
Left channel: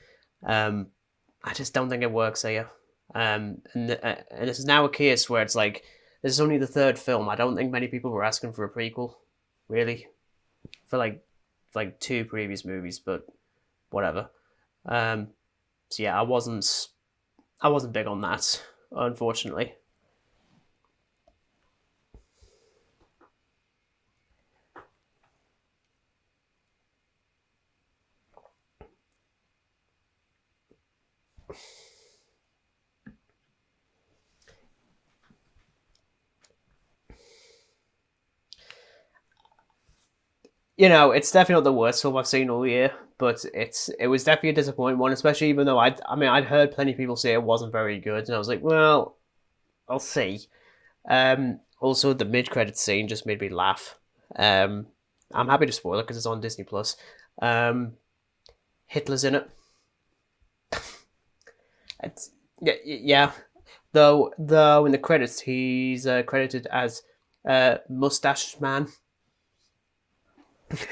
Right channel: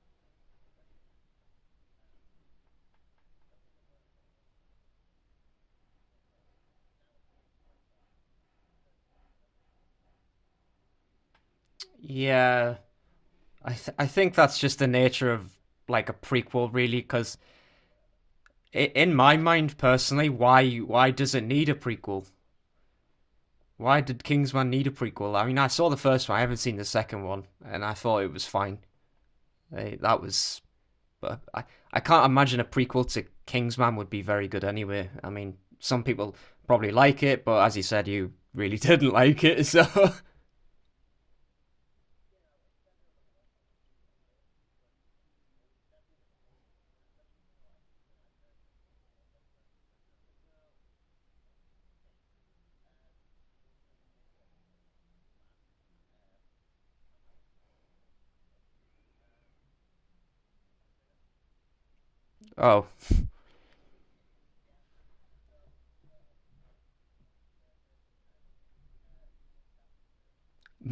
I just don't think it works here. And this is now a case where it's like this is only the third film. I don't think many people were asking for a prequel, really, for like two previous movies. But I think that's just the nature of like a prequel, really, because I wasn't big on that. In my mind, personally, why does it need a prequel? Why did Kingsman need a prequel? I mean, I saw the first one. I haven't seen the second one, and I thought it was fine. But I can't imagine a prequel to Kingsman would be very good anyway. I mean, some people probably like it, but as you said, you really didn't like it, so... It's definitely not the worst film I've seen all year, but it was definitely a disappointing one, especially even though I'd heard plenty of people say it wasn't very good, and I was like, well, I'll see. Also, the mid-credits scene just made me laugh. I'm happy to spoil it because it's on Disney+. Hitler's in it. Yeah. Though in the credits, he's credited as Mustached Man.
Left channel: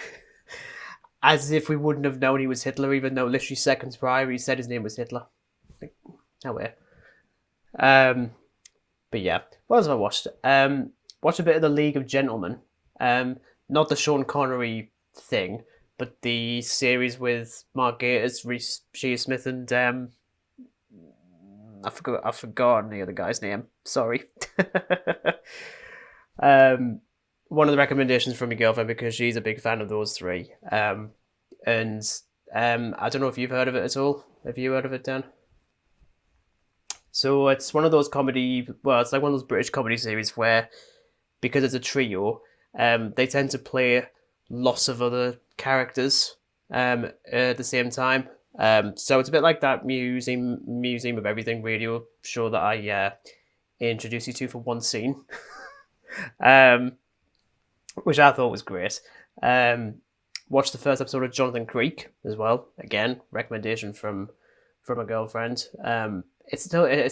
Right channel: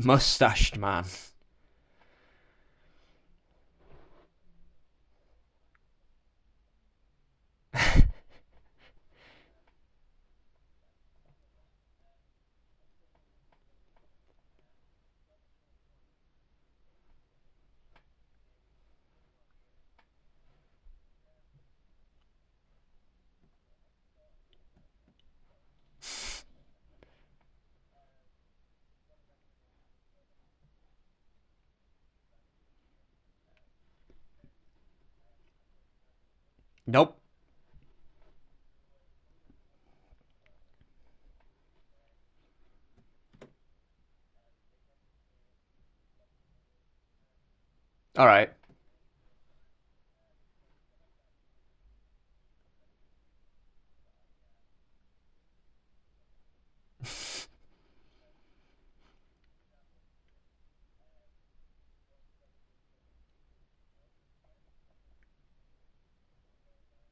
Mustached Man. As if we wouldn't have known he was Hitler, even though literally seconds prior he said his name was Hitler. Like, how weird. But yeah, what else have I watched? Watched a bit of The League of Gentlemen. Not the Sean Connery thing, but the series with Mark Gatiss, Reece Shearsmith, and I forgot the other guy's name. Sorry. One of the recommendations from my girlfriend because she's a big fan of those three. And I don't know if you've heard of it at all. Have you heard of it, Dan? Nope. So it's one of those comedy. Well, it's like one of those British comedy series where, because it's a trio, they tend to play lots of other characters at the same time. All right. So it's a bit like that Museum of Everything radio show that I introduced you to for one scene, um, which I thought was great. Watched the first episode of Jonathan Creek as well. Again, recommendation from a girlfriend. It's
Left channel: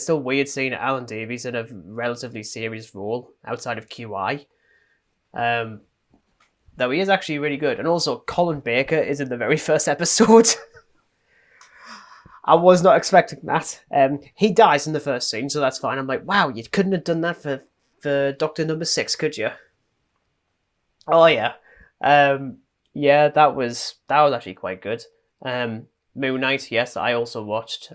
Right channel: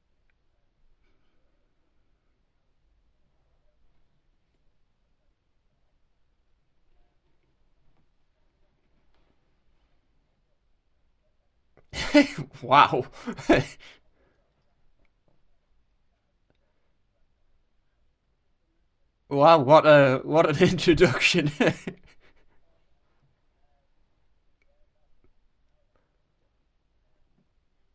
still weird seeing Alan Davies in a relatively serious role outside of QI. Though he is actually really good, and also Colin Baker is in the very first episode. I was not expecting that. He dies in the first scene, so that's fine. I'm like, wow, you couldn't have done that for Doctor Number 6, could you? Wow, what an introduction! Oh yeah, yeah, that was actually quite good. Moon Knight, yes, I also watched.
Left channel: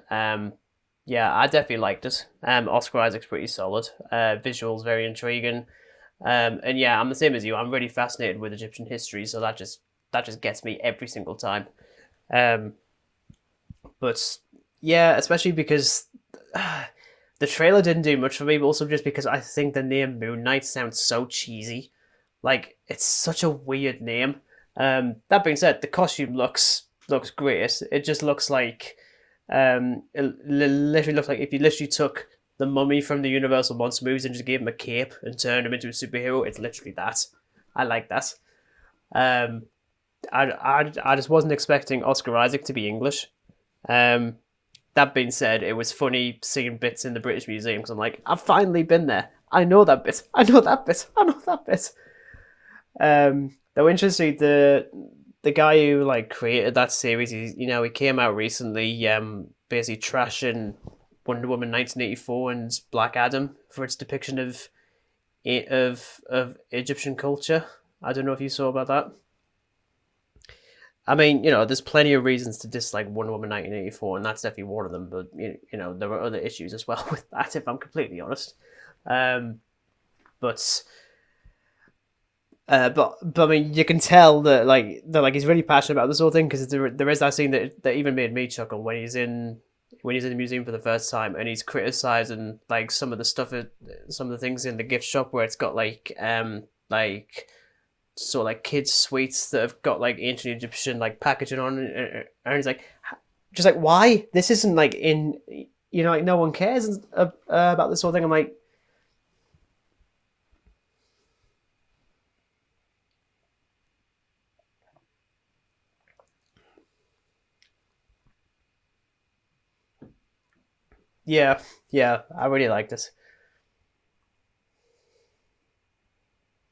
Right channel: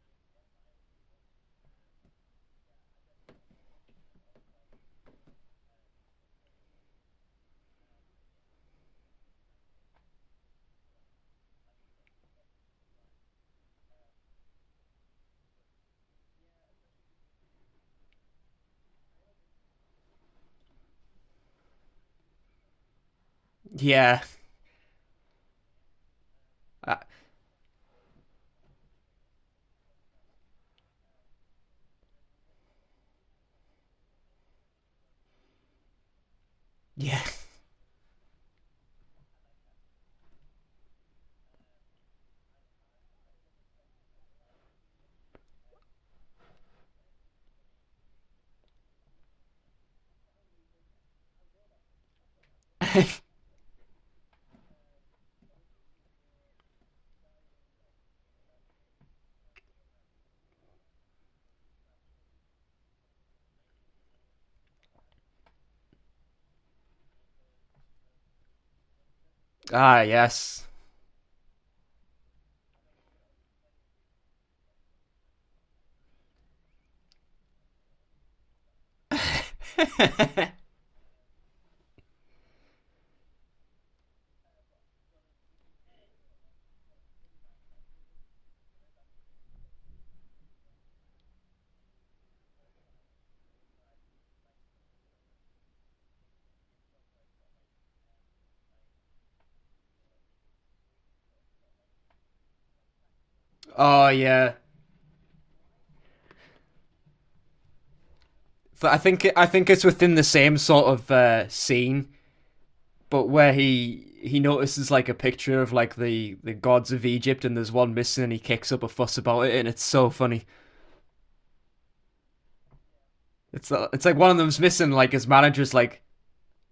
Yeah, I definitely liked it. Oscar Isaac's pretty solid. Visuals very intriguing. And yeah, I'm the same as you. I'm really fascinated with Egyptian history, so that just gets me every single time. But yeah, especially because the trailer didn't do much for me, but also just because I think the name Moon Knight sounds so cheesy. Like, it's such a weird name. That being said, the costume looks great. It just looks like it literally looks like if you literally took the Mummy from the Universal Monster movies and just gave him a cape and turned him into a superhero. It's literally that. I like that. I just wasn't expecting Oscar Isaac to be English. That being said, it was funny seeing bits in the British Museum because I'm like, I've finally been there. I know that bit. I know that bit. I know that bit. Though interesting, the guy who like created that series, he came out recently, basically trashing Wonder Woman 1984 and Black Adam for its depiction of Egyptian culture. I don't know if you saw about that. Ah, yes. I mean, there's plenty of reasons to dislike Wonder Woman 1984, and that's definitely one of them. But there were other issues as well with that, if I'm completely honest. But I mean, you can tell that he's really passionate about this whole thing because there is that scene that even made me chuckle when he's in the museum for the first time and he's criticizing like some of the things in the gift shop where it's got like kids sweets that have got like ancient Egyptian like packaging on it, and he's like, just like, why? Oh, yeah. This isn't like in like no one cares about this whole thing. I'm like, but I think it's within the same sort of scene, but where he notices like a picture of like the gods of Egypt and there's one missing and he kicks up a fuss about it and it's so funny. Yeah, I really like this. It's like one of them's missing, like his manager's like,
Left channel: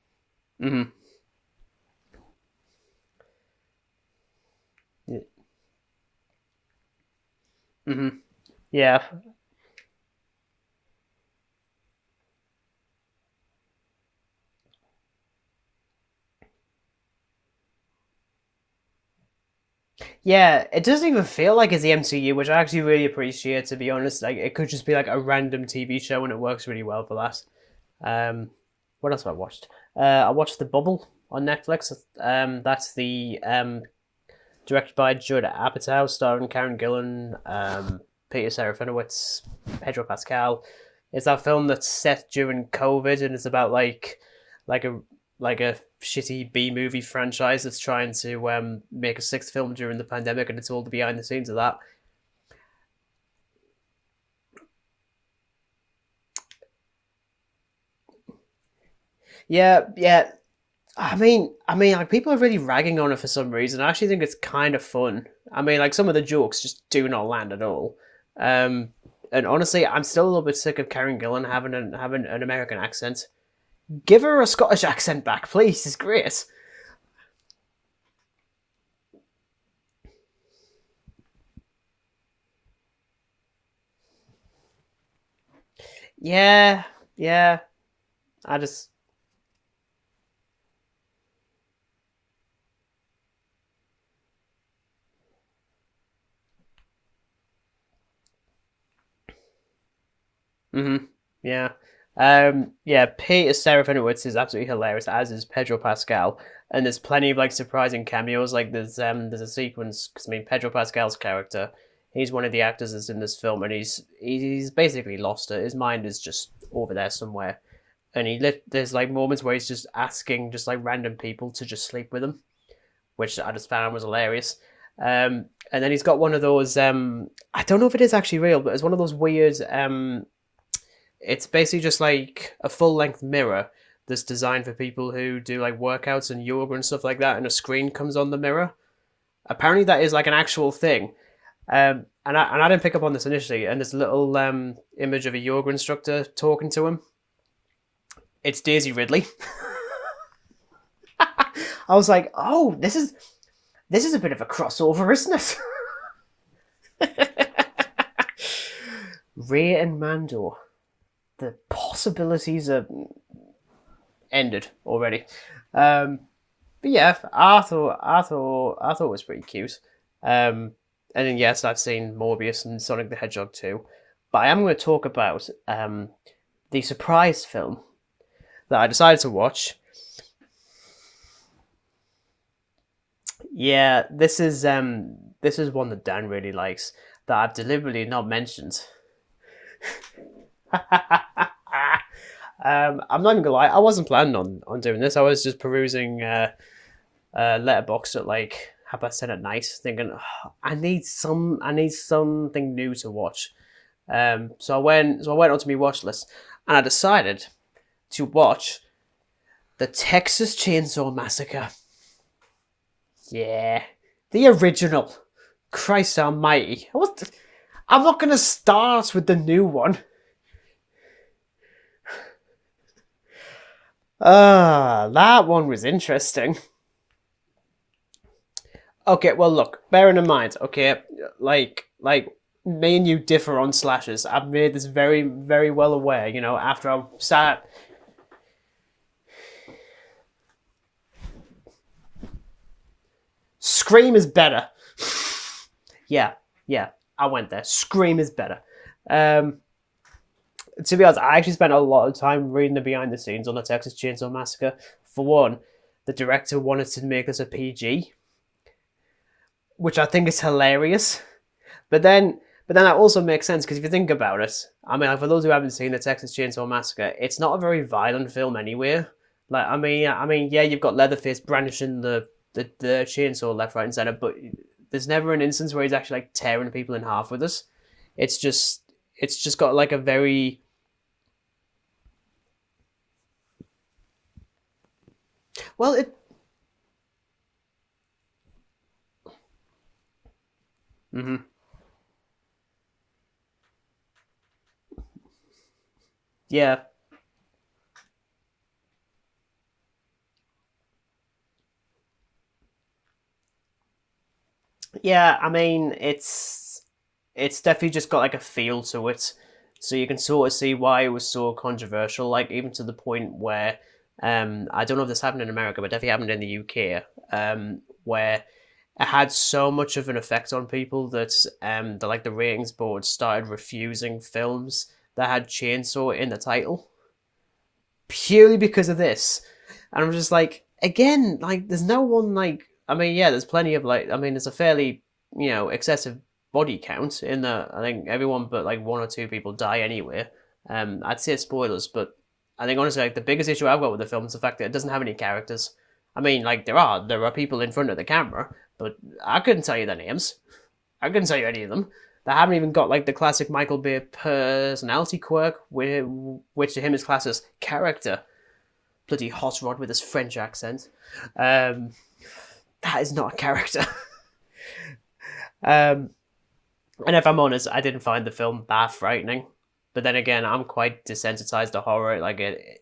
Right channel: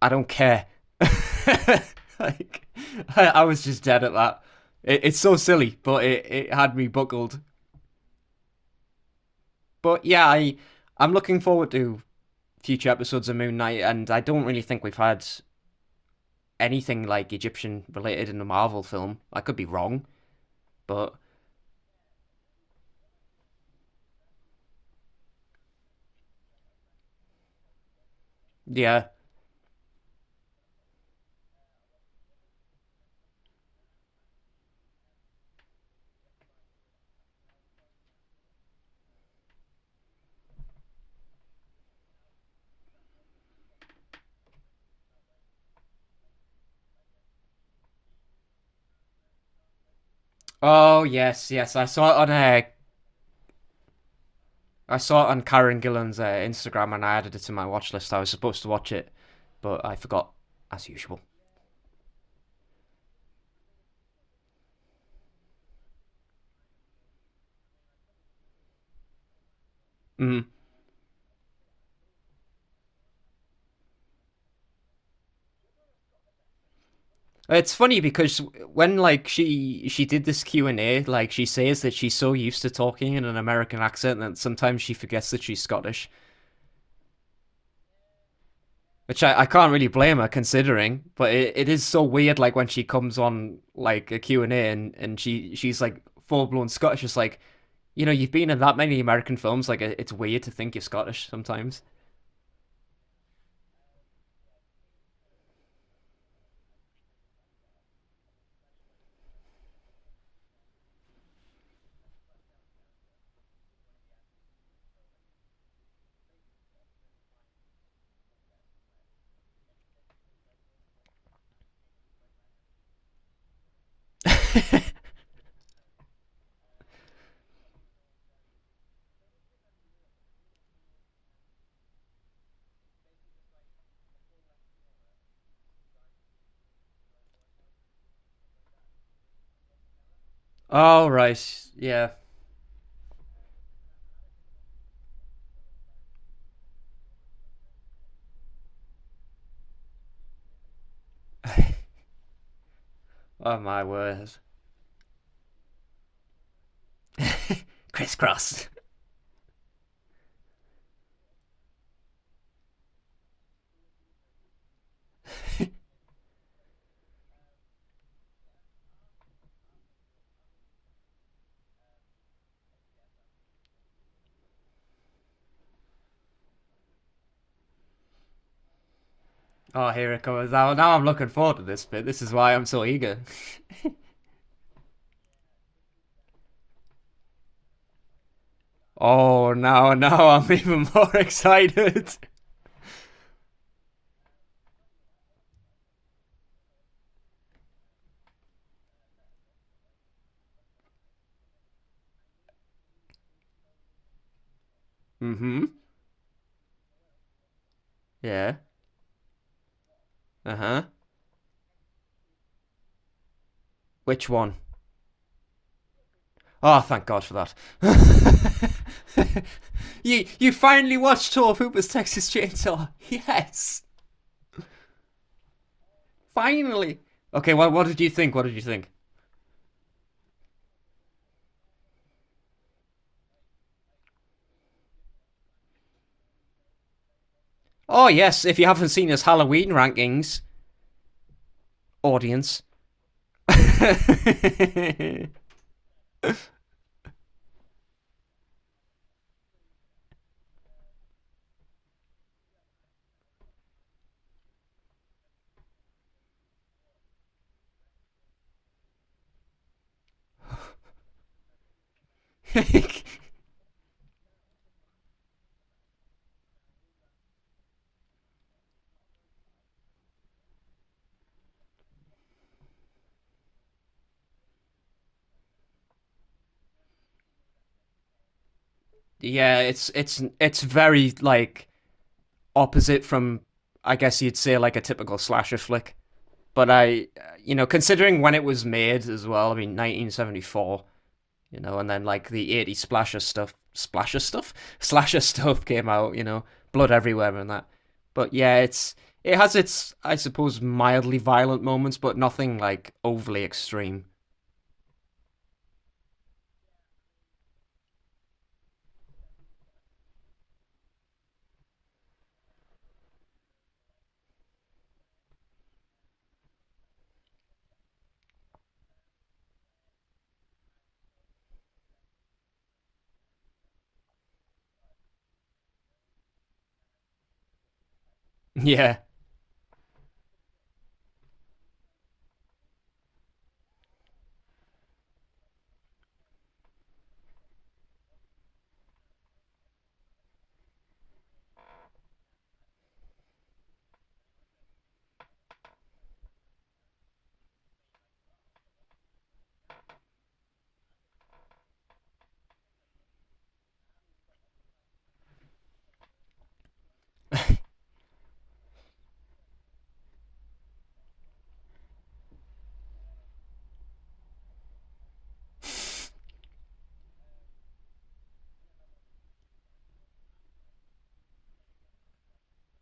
I don't care. Mm-hmm. Like I was just dead at that. It's so silly, but it had me buckled. Mm-hmm. Yeah. But yeah, I'm looking forward to future episodes of Moon Knight, and I don't really think we've had anything like Egyptian related in the Marvel film. I could be wrong. Yeah, it doesn't even feel like it's the MCU, which I actually really appreciate, to be honest. Like, it could just be like a random TV show and it works really well for that. Yeah. What else have I watched? I watched The Bubble on Netflix. That's the directed by Judd Apatow, starring Karen Gillan, Peter Serafinowicz, Pedro Pascal. It's that film that's set during COVID and it's about like a shitty B-movie franchise that's trying to make a sixth film during the pandemic, and it's all behind the scenes of that. I saw it on Karen Gillan's Instagram, and I added it to my watch list. I was supposed to watch it. Yeah. As usual. I mean, like people are really ragging on it for some reason. I actually think it's kind of fun. I mean, like some of the jokes just do not land at all. And honestly, I'm still a little bit sick of Karen Gillan having an American accent. Give her a Scottish accent back, please. It's great. It's funny because when like she did this Q&A, like she says that she's so used to talking in an American accent that sometimes she forgets that she's Scottish. Yeah. Which I can't really blame her considering, but it is so weird like when she comes on like a Q&A and she's like full-blown Scottish. It's like, you've been in that many American films, like it's weird to think you're Scottish sometimes. Peter Serafinowicz is absolutely hilarious, as is Pedro Pascal, and there's plenty of like surprising cameos. Like there's a sequence because Pedro Pascal's character He's one of the actors that's in this film, and he's basically lost it. His mind is just over there somewhere, and there's like moments where he's just asking just like random people to just sleep with him, which I just found was hilarious. And then he's got one of those. I don't know if it is actually real, but it's one of those weird. It's basically just like a full length mirror that's designed for people who do like workouts and yoga and stuff like that, and a screen comes on the mirror. Apparently, that is like an actual thing. Oh, right. Yeah. And I didn't pick up on this initially, and this little image of a yoga instructor talking to him. It's Daisy Ridley. I was like, oh, this is my word. This is a bit of a crossover, isn't it? Crisscross. Ray and Mando. The possibilities are ended already. But yeah, I thought it was pretty cute. And then yes, I've seen Morbius and Sonic the Hedgehog too. But I am going to talk about the surprise film that I decided to watch. Oh, here it comes. Now I'm looking forward to this bit. This is why I'm so eager. Yeah, this is one that Dan really likes that I've deliberately not mentioned. Oh no, I'm even more excited. I'm not even gonna lie, I wasn't planning on doing this. I was just perusing Letterboxd at like 10:30 at night, thinking I need something new to watch. So I went onto my watch list, and I decided to watch the Texas Chainsaw Massacre. Yeah. Which one? The original. Christ almighty. Oh, thank God for that. I'm not going to start with the new one. You finally watched Tour of Hooper's Texas Chainsaw. Yes. That one was interesting. Finally. Okay, what did you think? Okay, well, look, bearing in mind, okay, like me and you differ on slashes. I've made this very, very well aware, after I sat... Oh, yes, if you haven't seen his Halloween rankings, audience. Scream is better. Yeah, I went there. Scream is better. To be honest, I actually spent a lot of time reading the behind the scenes on the Texas Chainsaw Massacre. For one, the director wanted to make this a PG, which I think is hilarious. But then that also makes sense, because if you think about it, I mean, for those who haven't seen the Texas Chainsaw Massacre, it's not a very violent film anywhere. Like, I mean, yeah, you've got Leatherface brandishing the chainsaw left, right, and center, but there's never an instance where he's actually like tearing people in half with us. It's just got like it's very like opposite from, I guess you'd say, like a typical slasher flick. Well, but considering when it was made as well, I mean 1974, and then like the 80s slasher stuff came out, yeah, blood everywhere and that. But yeah, it has its, I suppose, mildly violent moments, but nothing like overly extreme. Yeah, I mean, it's definitely just got like a feel to it, so you can sort of see why it was so controversial. Like even to the point where, I don't know if this happened in America, but definitely happened in the UK, where it had so much of an effect on people that the ratings board started refusing films that had chainsaw in the title, purely because of this. And I'm just like, again, like there's no one like. I mean, yeah, there's plenty of there's a fairly, excessive body count in the. I think everyone but like one or two people die anyway. I'd say spoilers, but I think honestly, like the biggest issue I've got with the film is the fact that it doesn't have any characters. I mean, like there are people in front of the camera, but I couldn't tell you their names. I couldn't tell you any of them. They haven't even got like the classic Michael Bay personality quirk, which to him is classed as character. Bloody hot rod with his French accent. That is not a character. And if I'm honest, I didn't find the film that frightening. But then again, I'm quite desensitized to horror. Like it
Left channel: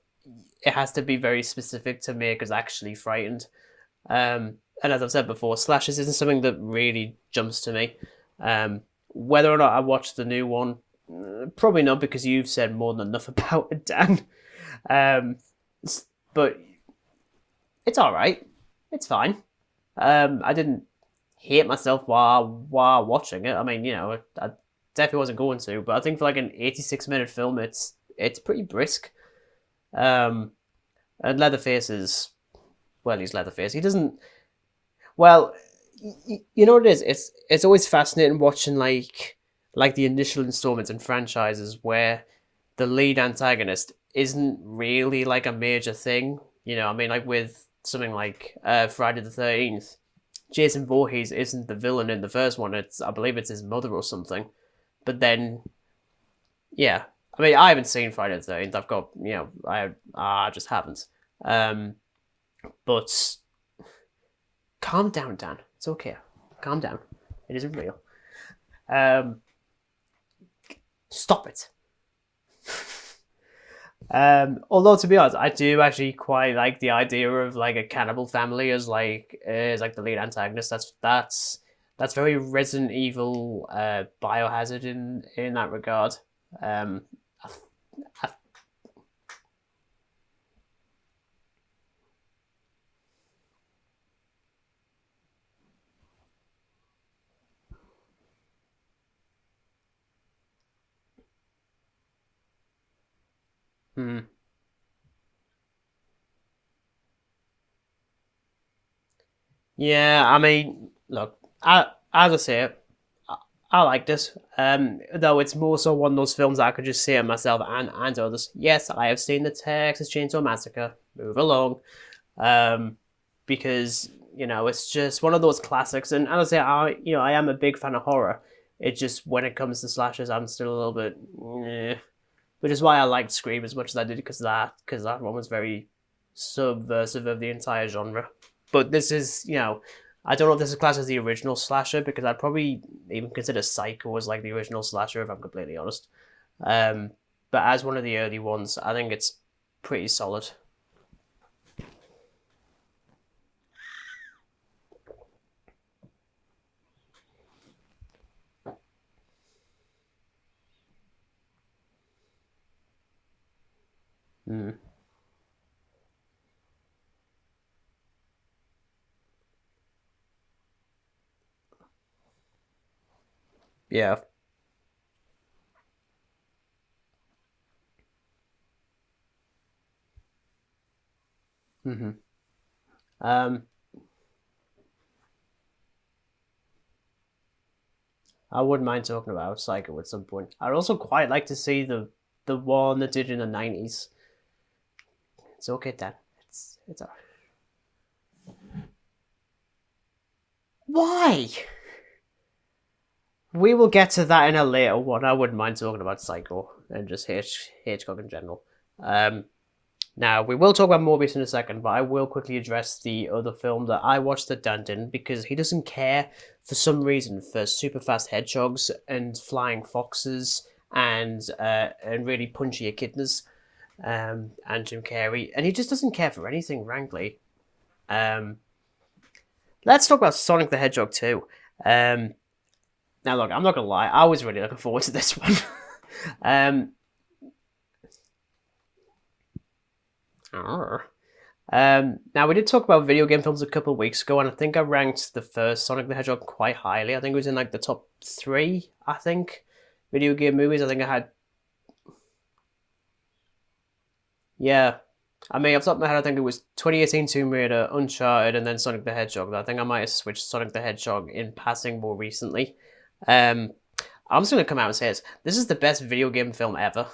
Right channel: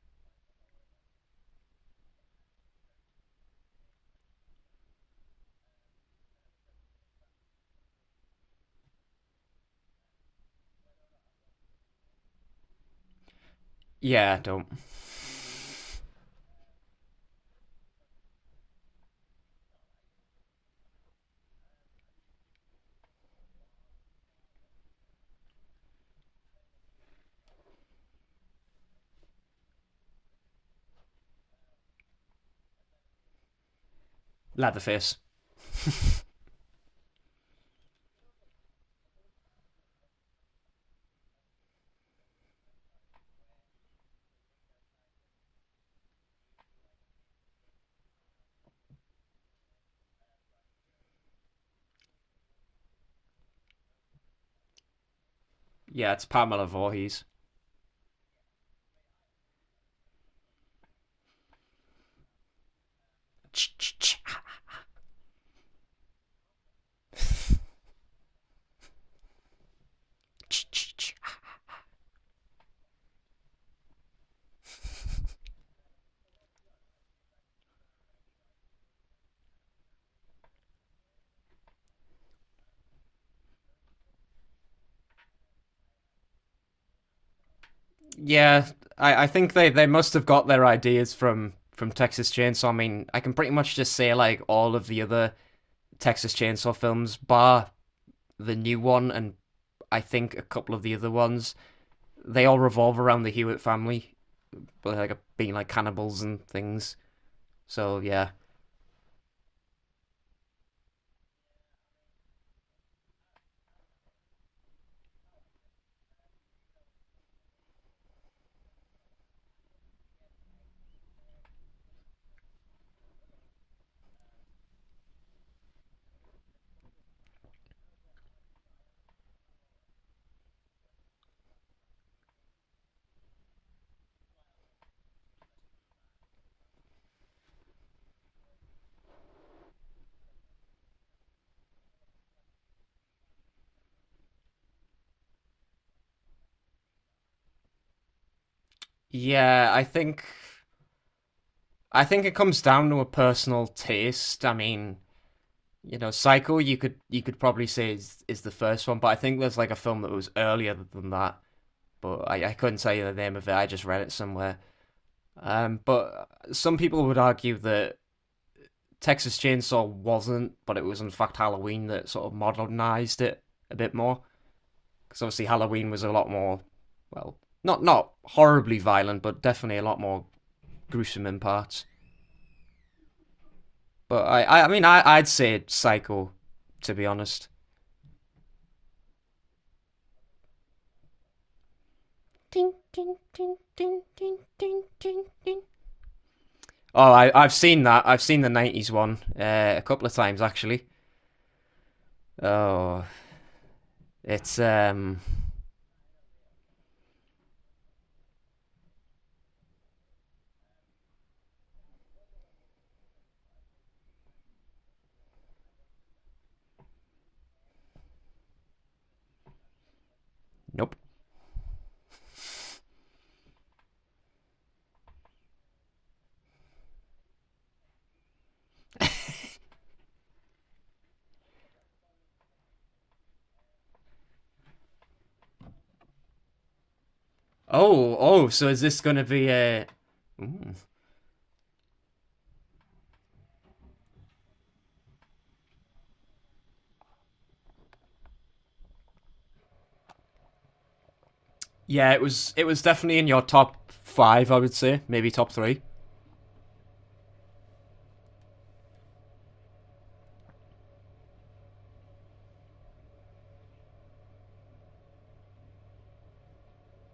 has to be very specific to make us actually frightened. And as I've said before, slashers isn't something that really jumps to me. Whether or not I watch the new one, probably not, because you've said more than enough about it, Dan. Yeah, don't. But it's all right. It's fine. I didn't hate myself while watching it. I mean, I definitely wasn't going to, but I think for like an 86-minute film, it's pretty brisk. And Leatherface is, well, he's Leatherface. He doesn't Leatherface. Well, you know what it is? It's always fascinating watching like the initial installments in franchises where the lead antagonist isn't really like a major thing. You know, I mean, like with something like Friday the 13th, Jason Voorhees isn't the villain in the first one. I believe it's his mother or something. But then, Yeah, it's Pamela yeah, Voorhees. I mean, I haven't seen Friday the 13th. I've got, I just haven't. But calm down, Dan. It's okay. Calm down. It isn't real. Stop it. Although to be honest, I do actually quite like the idea of like a cannibal family as the lead antagonist. That's very Resident Evil Biohazard in that regard. Yeah, I think they must have got their ideas from Texas Chainsaw. I mean, I can pretty much just say like all of the other Texas Chainsaw films, bar the new one, and I think a couple of the other ones, they all revolve around the Hewitt family, like being like cannibals and things. So yeah, Yeah, I mean, look, as I say, I like this. Though it's more so one of those films that I could just say to myself and to others. Yes, I have seen the Texas Chainsaw Massacre. Move along, because it's just one of those classics. And as I say, I am a big fan of horror. It just when it comes to slashers, I'm still a little bit, which is why I liked Scream as much as I did because that one was very subversive of the entire genre. But this is, I don't know if this is classed as the original slasher because I'd probably even consider Psycho as like the original slasher if I'm completely honest. But as one of the early ones, I think it's pretty solid. I think it comes down to a personal taste. I mean, Psycho you could probably say is the first one, but I think there's like a film that was earlier than that. But I couldn't tell you the name of it. I just read it somewhere. But some people would argue that Texas Chainsaw wasn't, but it was in fact Halloween that sort of modernized it a bit more. Because obviously Halloween was a lot more, well, not horribly violent, but definitely a lot more gruesome in parts. But I mean, I'd say Psycho, to be honest. I wouldn't mind talking about Psycho at some point. I'd also quite like to see the one that did in the 90s. It's okay, Dan. Oh, I've seen that. I've seen the 90s one a couple of times, actually. Why? Oh. We will get to that in a later one. I wouldn't mind talking about Psycho and just Hedgehog in general. Now, we will talk about Morbius in a second, but I will quickly address the other film that I watched that Dan didn't because he doesn't care for some reason for super fast hedgehogs and flying foxes and really punchy echidnas and Jim Carrey, and he just doesn't care for anything, frankly. Let's talk about Sonic the Hedgehog 2. Now, look, I'm not gonna lie, I was really looking forward to this one. So is this gonna be a? Now we did talk about video game films a couple of weeks ago, and I think I ranked the first Sonic the Hedgehog quite highly. I think it was in like the top 3. I think video game movies. I think I had. Yeah, it was definitely in your top 5. I would say maybe top 3. I mean, off the top of my head, I think it was 2018 Tomb Raider, Uncharted, and then Sonic the Hedgehog. I think I might have switched Sonic the Hedgehog in passing more recently. I'm just gonna come out and say this. This is the best video game film ever.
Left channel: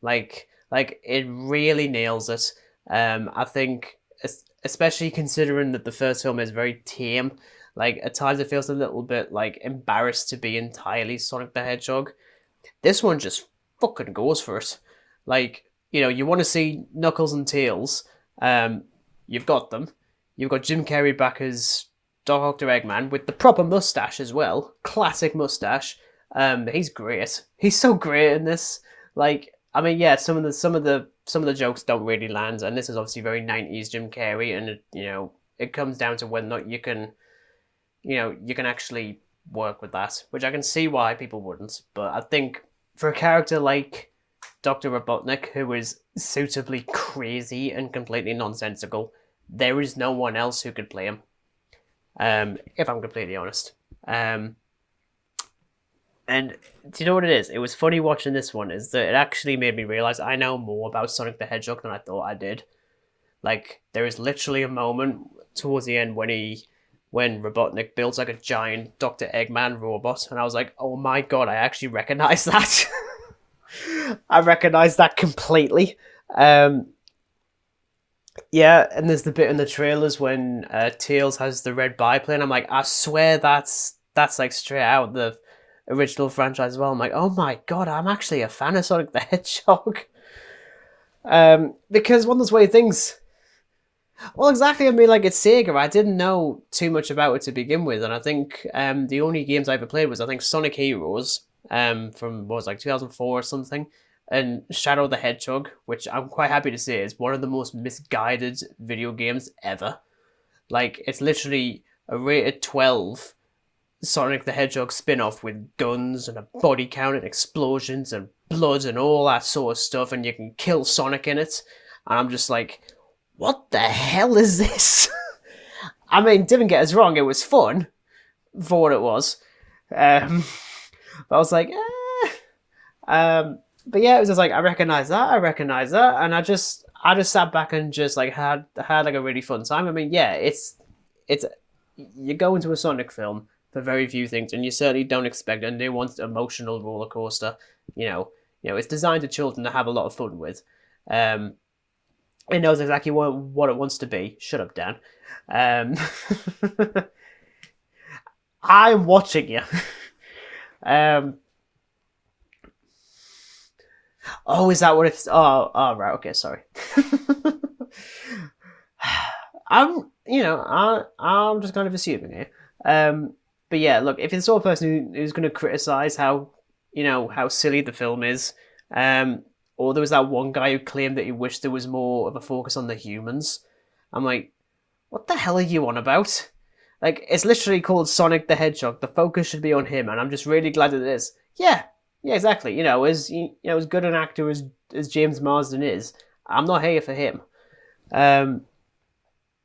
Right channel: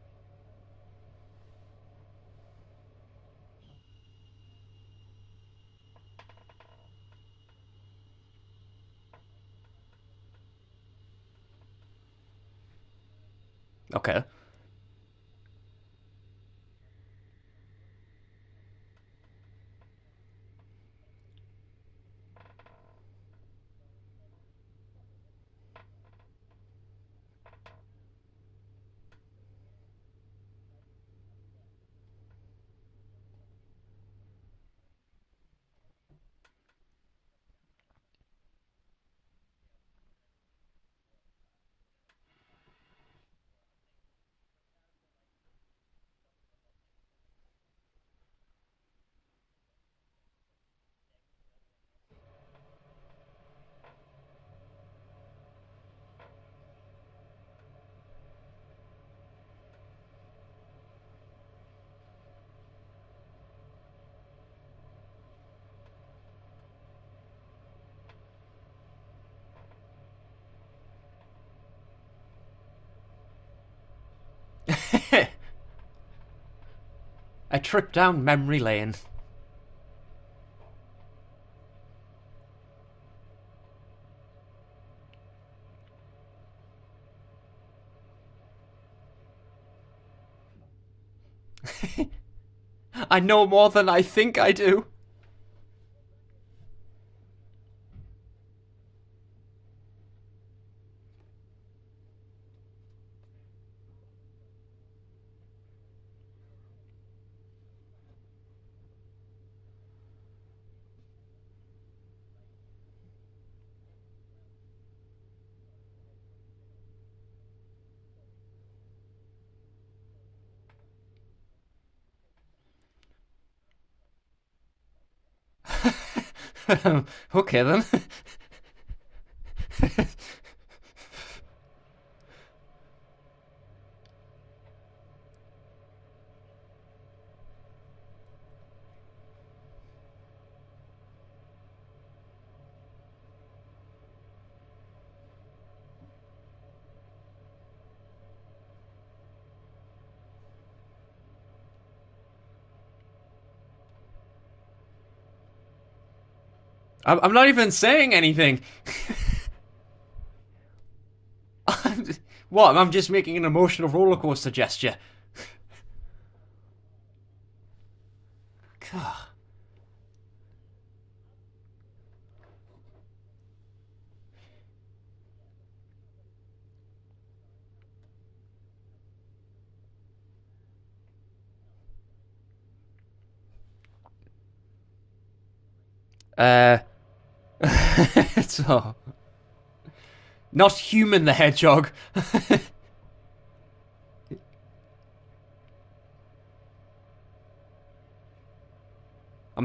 Like it really nails it. I think, especially considering that the first film is very tame, like at times it feels a little bit like embarrassed to be entirely Sonic the Hedgehog. This one just fucking goes for it. Like, you want to see Knuckles and Tails, you've got them. You've got Jim Carrey back as Dr. Eggman with the proper mustache as well, classic mustache. He's great. He's so great in this. Like, I mean, yeah, some of the jokes don't really land, and this is obviously very 90s Jim Carrey, and it comes down to whether or not you can actually work with that, which I can see why people wouldn't. But I think for a character like Dr. Robotnik, who is suitably crazy and completely nonsensical, there is no one else who could play him. If I'm completely honest. And do you know what it is? It was funny watching this one, is that it actually made me realise I know more about Sonic the Hedgehog than I thought I did. Like, there is literally a moment towards the end when he when Robotnik builds like a giant Dr. Eggman robot, and I was like, oh my god, I actually recognize that. I recognize that completely. A trip down memory Yeah, lane. and there's the bit in the trailers when Tails has the red biplane. I'm like, I swear that's like straight out the original franchise as well. I'm like, oh my god, I'm actually a fan of Sonic the Hedgehog. Because one of those weird things. I know more than I think Well, I exactly. do. I mean, like, it's Sega. I didn't know too much about it to begin with, and I think the only games I ever played was, I think, Sonic Heroes, from, what was it, like 2004 or something, and Shadow the Hedgehog, which I'm quite happy to say is one of the most misguided video games ever. Like, it's literally a rated 12 Sonic the Hedgehog spin-off with guns and a body count and explosions and blood and all that sort of stuff, and you can kill Sonic in it. And I'm just like, what the hell is this? I mean, didn't get us wrong, it was Okay, fun for what it was. But I was like, eh. But yeah, it was just like, I recognize that, and I just sat back and just like had like a really fun time. I mean, yeah, it's you go into a Sonic film for very few things, and you certainly don't expect a nuanced emotional roller coaster. It's designed to children to have a lot of fun with. It knows exactly what it wants to be. Shut up, Dan. I'm not even saying anything. I'm watching you. What? I'm just making an emotional roller coaster gesture. Oh, is that what it's? Oh, right. Okay, sorry. I'm just kind of assuming here. But yeah, look, if you're the sort of person who's going to criticize how silly the film is, or there was that one guy who claimed that he wished there was more of a focus on the humans, I'm like, what the hell are you on about? Like, it's literally called Sonic the Hedgehog. The focus should be on him, and I'm just really not glad human the Hedgehog. Yeah, exactly. As good an actor as James Marsden is, I'm not here for him. I'm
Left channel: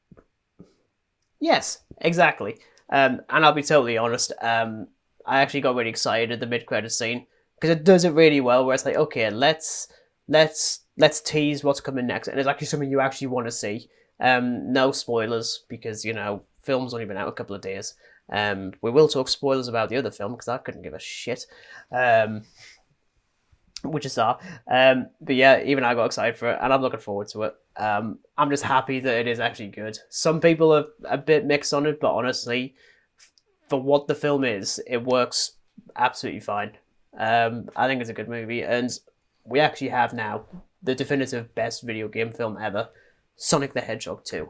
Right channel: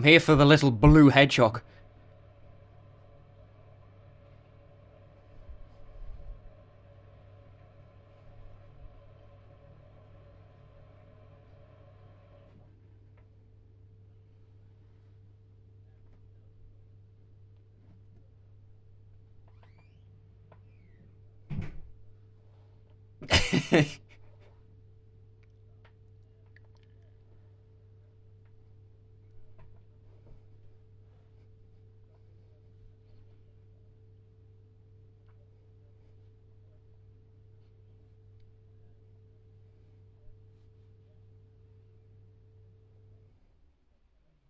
here for the little blue hedgehog. Yes, exactly. And I'll be totally honest. I actually got really excited at the mid-credits scene because it does it really well. Where it's like, okay, let's tease what's coming next, and it's actually something you actually want to see. No spoilers because film's only been out a couple of days. We will talk spoilers about the other film because I couldn't give a shit. Which is that. But yeah, even I got excited for it, and I'm looking forward to it. I'm just happy that it is actually good. Some people are a bit mixed on it, but honestly, for what the film is, it works absolutely fine. I think it's a good movie, and we actually have now the definitive best video game film ever, Sonic the Hedgehog 2.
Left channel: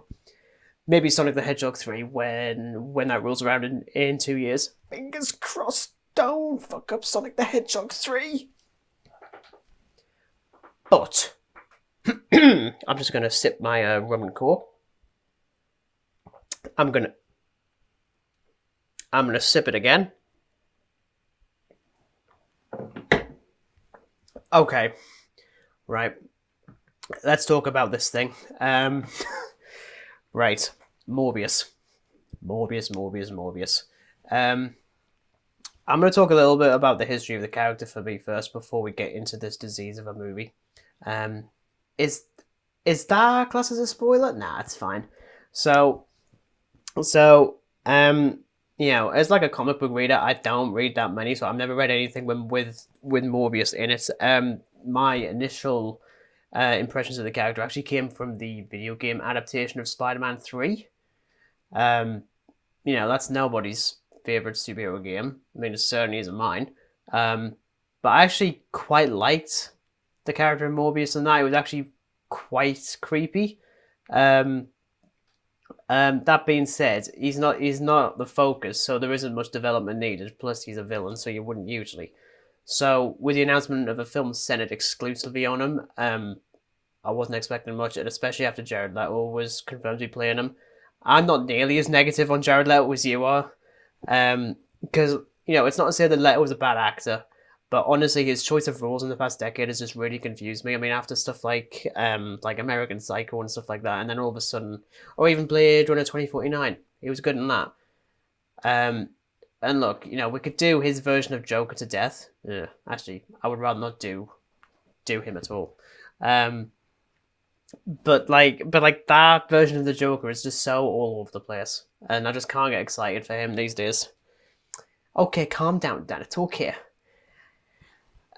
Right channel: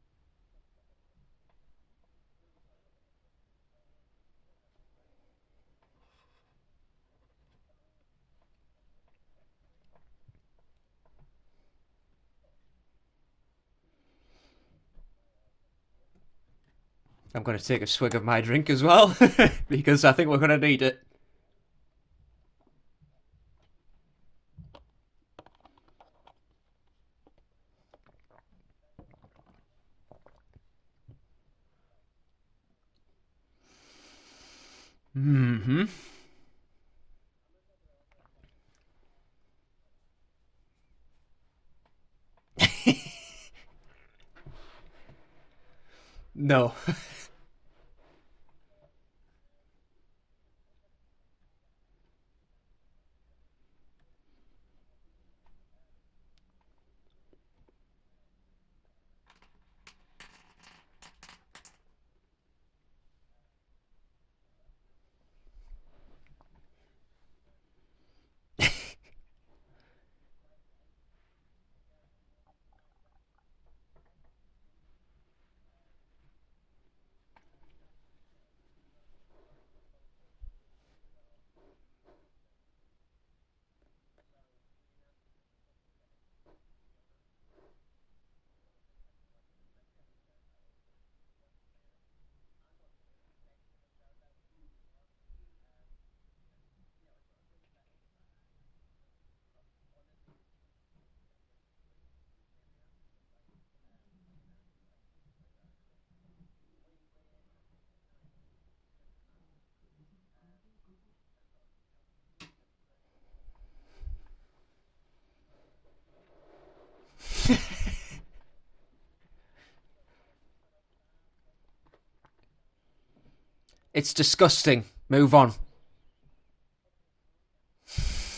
Maybe Sonic the Hedgehog 3 when that rolls around in 2 years. Fingers crossed, don't fuck up Sonic the Hedgehog 3. But I'm just going to sip my rum and coke. I'm going to take a swig of my drink as well. I'm going to sip it again. Because I think we're going to need it. Okay. Right. Let's talk about this thing. Right. Morbius. I'm going to talk a little bit about the history of the character for me first before we get into this disease of a movie. Is that class as a spoiler? Nah, it's fine. So no. As like a comic book reader, I don't read that many, so I've never read anything with Morbius in it. My initial impressions of the character actually came from the video game adaptation of Spider-Man 3. That's nobody's favorite superhero game. I mean, it certainly isn't mine. But I actually quite liked the character in Morbius, and that it was actually quite creepy. That being said, he's not the focus, so there isn't much development needed. Plus, he's a villain, so you wouldn't usually. So, with the announcement of a film centered exclusively on him, I wasn't expecting much, and especially after Jared Leto was confirmed to be playing him. I'm not nearly as negative on Jared Leto as you are, because it's not to say that Leto was a bad actor, but honestly, his choice of roles in the past decade has just really confused me. I mean, after stuff like American Psycho and stuff like that, and then all of a sudden, or even Blade Runner 2049, he was good in that. And look, we could do his version of Joker to death. Actually, I would rather not do him at all. But that version of the Joker is just so all over the place. and I just can't get excited for him these days. It's disgusting. Move okay, on. calm down, Dan. It's okay.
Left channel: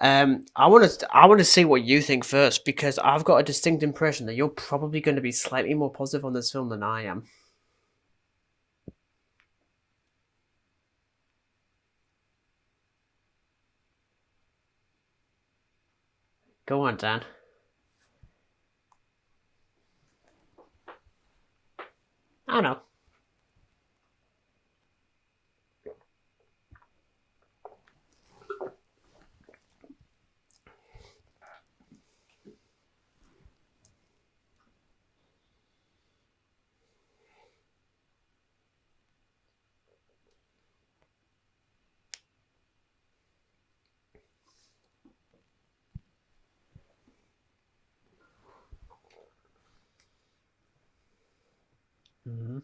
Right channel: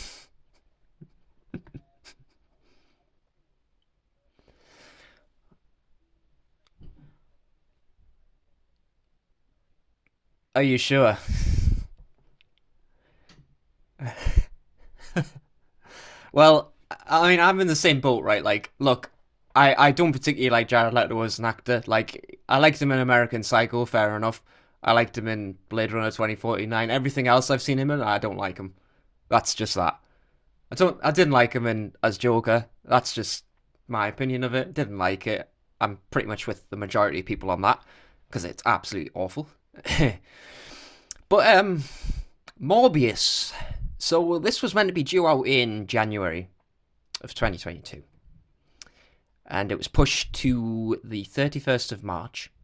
I want to see what you think first, because I've got a distinct impression that you're probably going to be slightly more positive on this film than I am. Are you sure? Well, Go on, Dan. I mean, I'm in the same boat, right? Like, look, I don't particularly like Jared Leto as an actor. Like, I liked him in American Psycho, fair enough. I liked him in Blade Runner 2049. Everything else I've seen him in, I don't like him. That's just that. I didn't like him in as Joker. That's just my opinion of it. Didn't like it. I'm pretty much with the majority of people on that, because it's absolutely awful. But Morbius. So this was meant to be due out in January of 2022. And it was pushed to the 31st of March. Mm-hmm.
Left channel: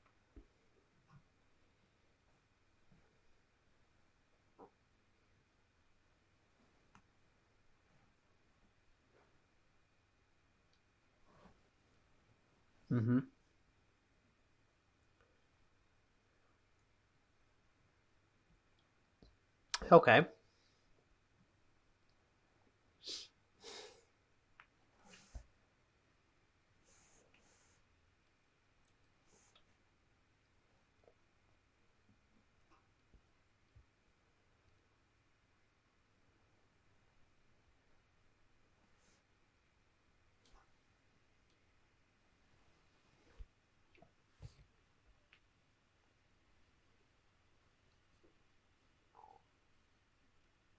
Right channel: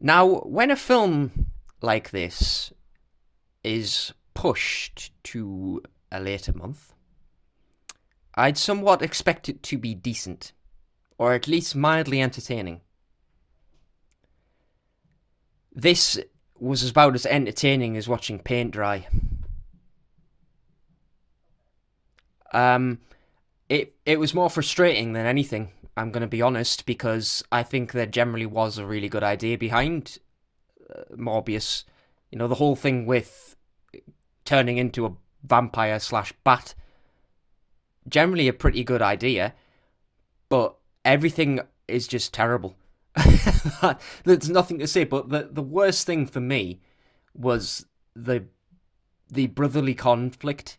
Now, when a film like this is pushed to a later month, I'd somewhat expect it to be decent, or at least mildly entertaining. Mm-hmm. This was about as entertaining as watching paint dry. Okay. It was more frustrating than anything, I'm going to be honest, because I think there generally was a really good idea behind Morbius. You know, the whole thing with turning into a vampire / bat, generally a pretty good idea, but everything is just terrible. There's nothing to say, but the worst thing for me was the brotherly conflict.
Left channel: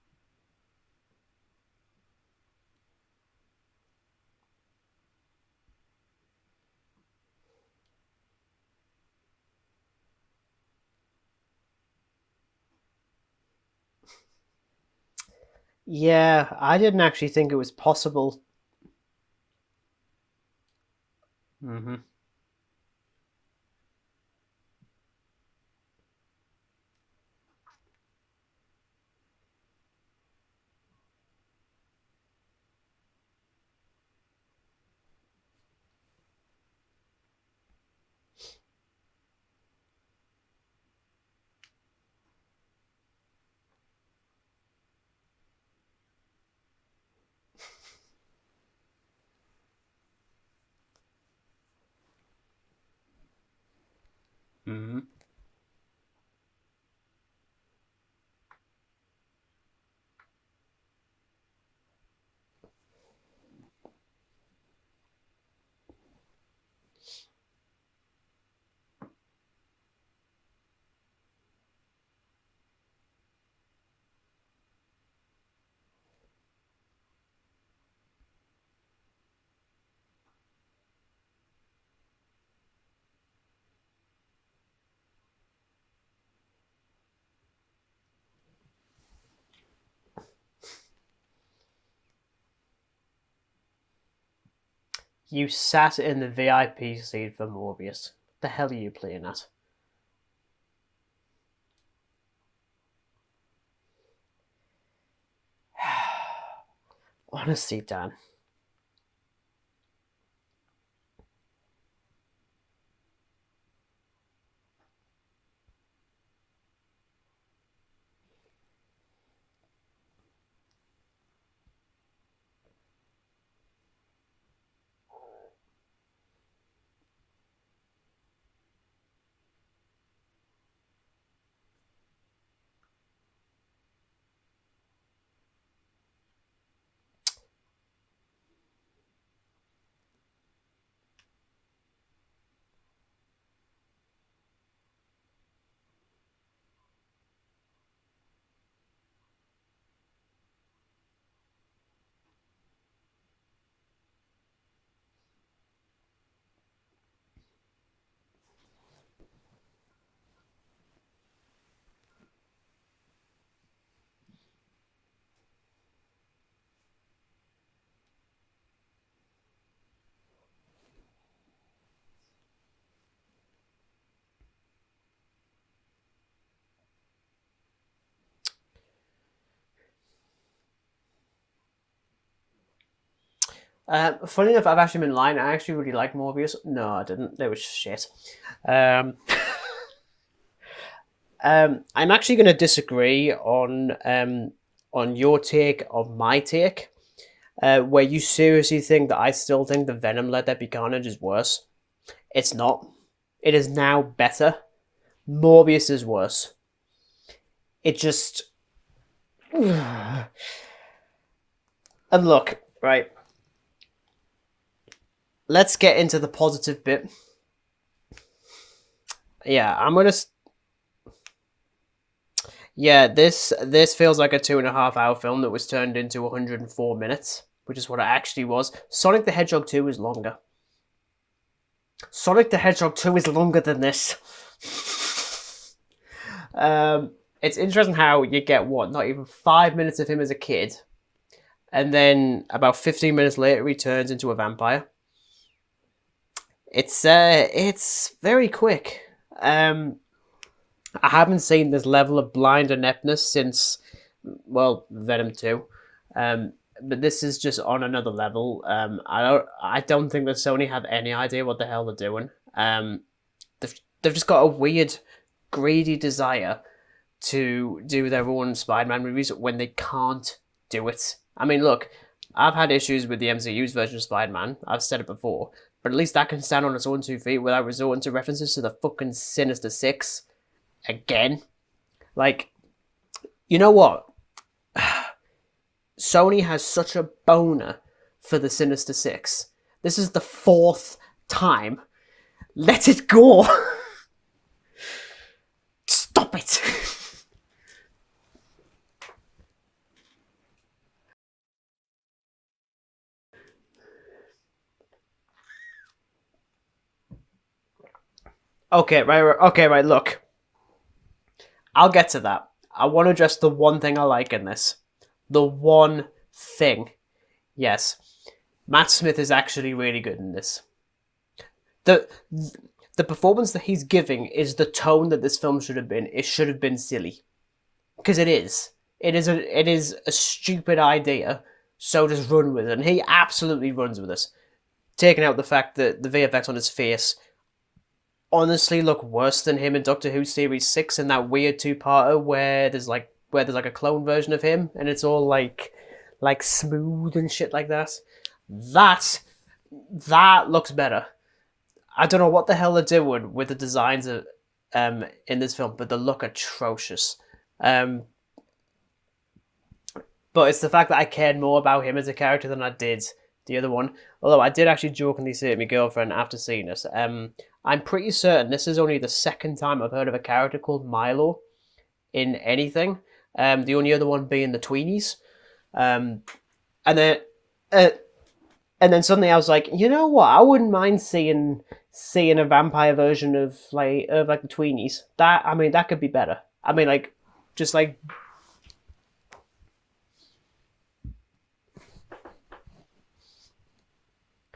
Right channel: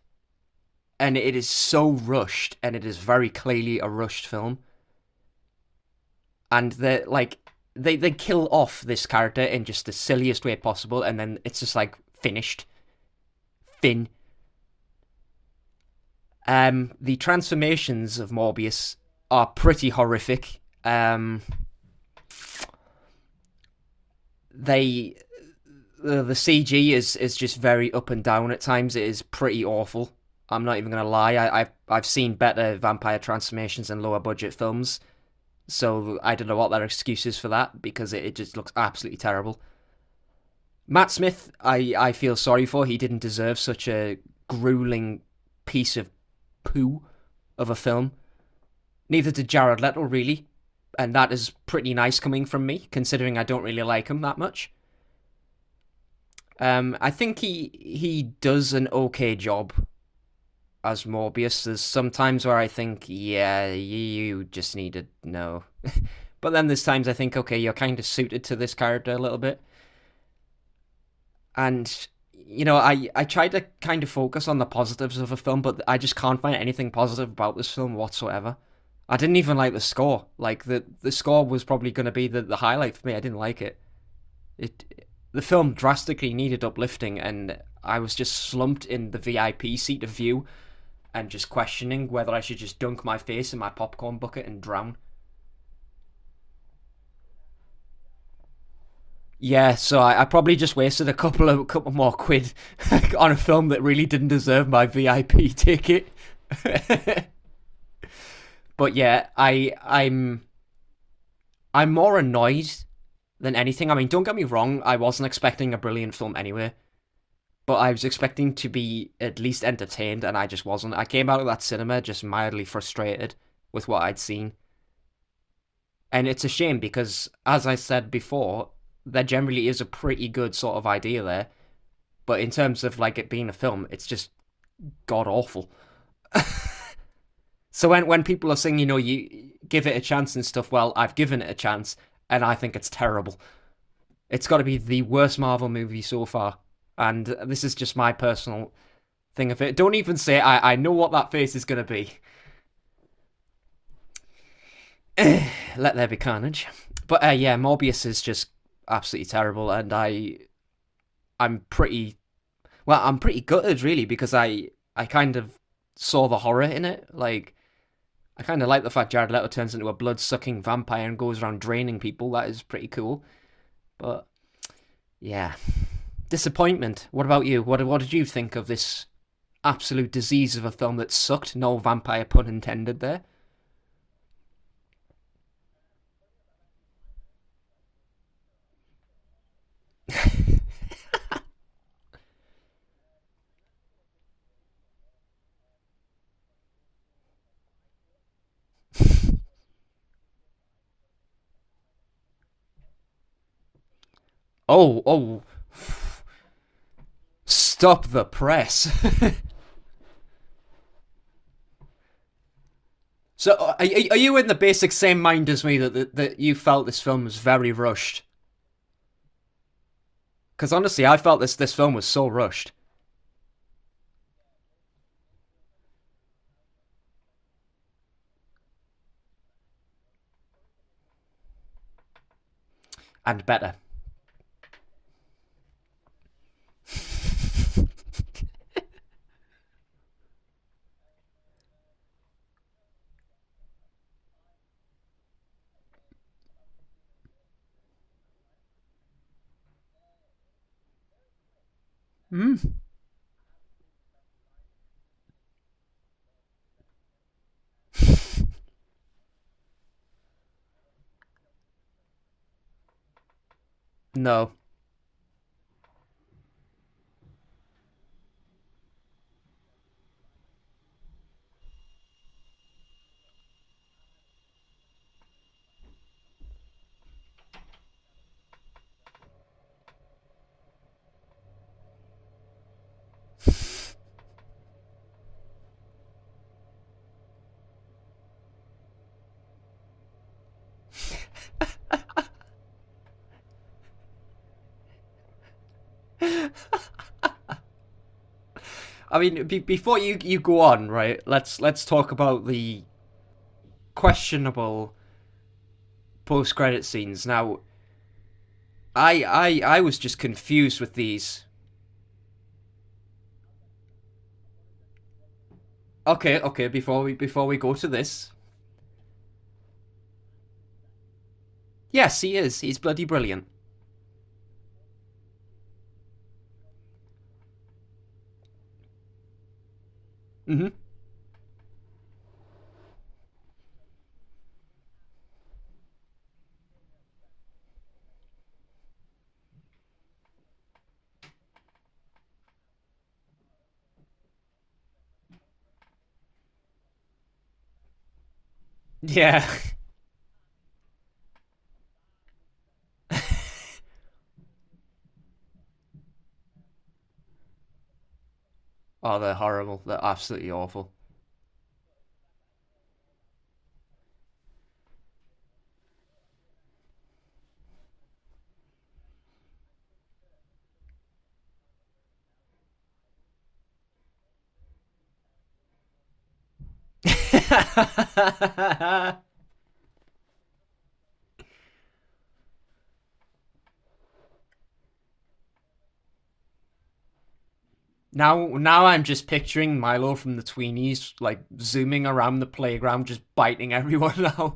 And it is so rushed, and it is very clearly a rushed film. And they kill off this character in just the silliest way possible, and then it's just like finished. Fin. Yeah, I didn't actually the think it was transformations possible. of Morbius are pretty horrific. Mm-hmm. The CG is just very up and down at times. It is pretty awful. I'm not even gonna lie. I've seen better vampire transformations in lower budget films, so I don't know what their excuse is for that, because it just looks absolutely terrible. Matt Smith, I feel sorry for. He didn't deserve such a grueling piece of poo of a film. Neither did Jared Leto, really, and that is pretty nice coming from me, considering I don't really like him that much. Mm-hmm. I think he does an okay job as Morbius. There's some times where I think, yeah, you just need to know. But then there's times I think, okay, you're kind of suited to this character a little bit. And, you know, I try to kind of focus on the positives of a film, but I just can't find anything positive about this film whatsoever. I didn't even like the score. Like, the score was probably going to be the highlight for me. I didn't like it. The film drastically needed uplifting, and I was just slumped in the VIP seat of view and just questioning whether I should just dunk my face in my popcorn bucket and drown. You sat in the VIP seat for Morbius. The hell are you playing at? Yeah, so I probably just wasted a couple more quid on a film that really didn't deserve my VIP ticket. Honestly, Dan. But yeah, I'm more annoyed than anything. I mean, don't get me wrong, I wasn't expecting a brilliant film anyway, but I was expecting to be at least entertained, and I just wasn't. I came out of that cinema just mildly frustrated with what I'd seen. And it's a shame, because, as I said before, there generally is a pretty good sort of idea there, but in terms of like it being a film, it's just god-awful. So when people are saying, you know, you give it a chance and stuff, well, I've given it a chance, and I think it's terrible. It's got to be the worst Marvel movie so far. And this is just my personal thing of it. Don't even say I know what that face is going to be. Let there be carnage. But yeah, Morbius is just absolutely terrible. And I'm pretty gutted, really, because I kind of saw the horror in it. Like, I kind of like the fact Jared Leto turns into a blood-sucking vampire and goes around draining people. That is pretty cool. But yeah, disappointment. What about you? What did you think of this absolute disease of a film that sucked? No vampire pun intended there. Funny enough, I've actually been lying. I actually really like Morbius. No, I didn't. It was shit. Um, I'm actually going to disagree on your take on my take, where you seriously think that I still think the Venom Let There Be Carnage is worse. It's not. It is now better. Oh, Morbius is worse. Stop the press. And look, right. So, are you in the basic same mind as Let's me? get into the that you positive felt bit. this film was very rushed. Yeah, I'm gonna. Because honestly, I felt this film was so rushed. Yeah, this feels like a 2.5 hour film that was turned into 104 minutes, which is what it actually was. Sonic the Hedgehog 2 is longer. Sonic the Hedgehog 2 is longer than this. It's interesting how you get not even 5 minutes of him as a kid, and then about 15 minutes later he turns into a vampire. It's very quick. I haven't seen this level of blind ineptness since, well, Venom 2. But this is just on another level. I don't think that Sony have any idea what the hell they're doing. They've just got a weird, greedy desire to do their own Spider-Man movies when they can't do it. I mean, look, I've had issues with the MCU's version of Spider-Man. I've said it before. But at least that can stand on its own 2 feet without resorting to references to the fucking Sinister Six. Again. Like, you know what? Sony has such a boner for the Sinister Six. This is the 4th time. Let it go. Stop it. I mean, before you go on, right? Let's talk about the post-credit scenes. Now, I was look. just confused with these. I'll get to that. I want to address the one thing I like in this. The one thing. Before we go to this, Matt Smith is actually really good in this. Yes, he is. He's bloody the brilliant. performance that he's giving is the tone that this film should have been. It should have been silly, because it is. It is a stupid idea. So just run with it, and he absolutely runs with us. Taking out the fact that the VFX on his face honestly look worse than him in Doctor Who Series 6 in that weird 2-parter where there's like a clone version of him and it's all like smooth and shit like that. That looks better. I don't know what the hell they're doing with the designs of in this film, but they look atrocious. They're horrible. They're absolutely But it's awful. the fact that I cared more about him as a character than I did the other one. Although I did actually jokingly say to my girlfriend after seeing this, I'm pretty certain this is only the 2nd time I've heard of a character called Milo in anything. The only other one being the Tweenies. And then suddenly I was like, you know what? I wouldn't mind seeing a vampire version of the Tweenies. That could be better. I mean, like, just like now I'm just picturing Milo from the Tweenies like zooming around the playground, just biting everyone now.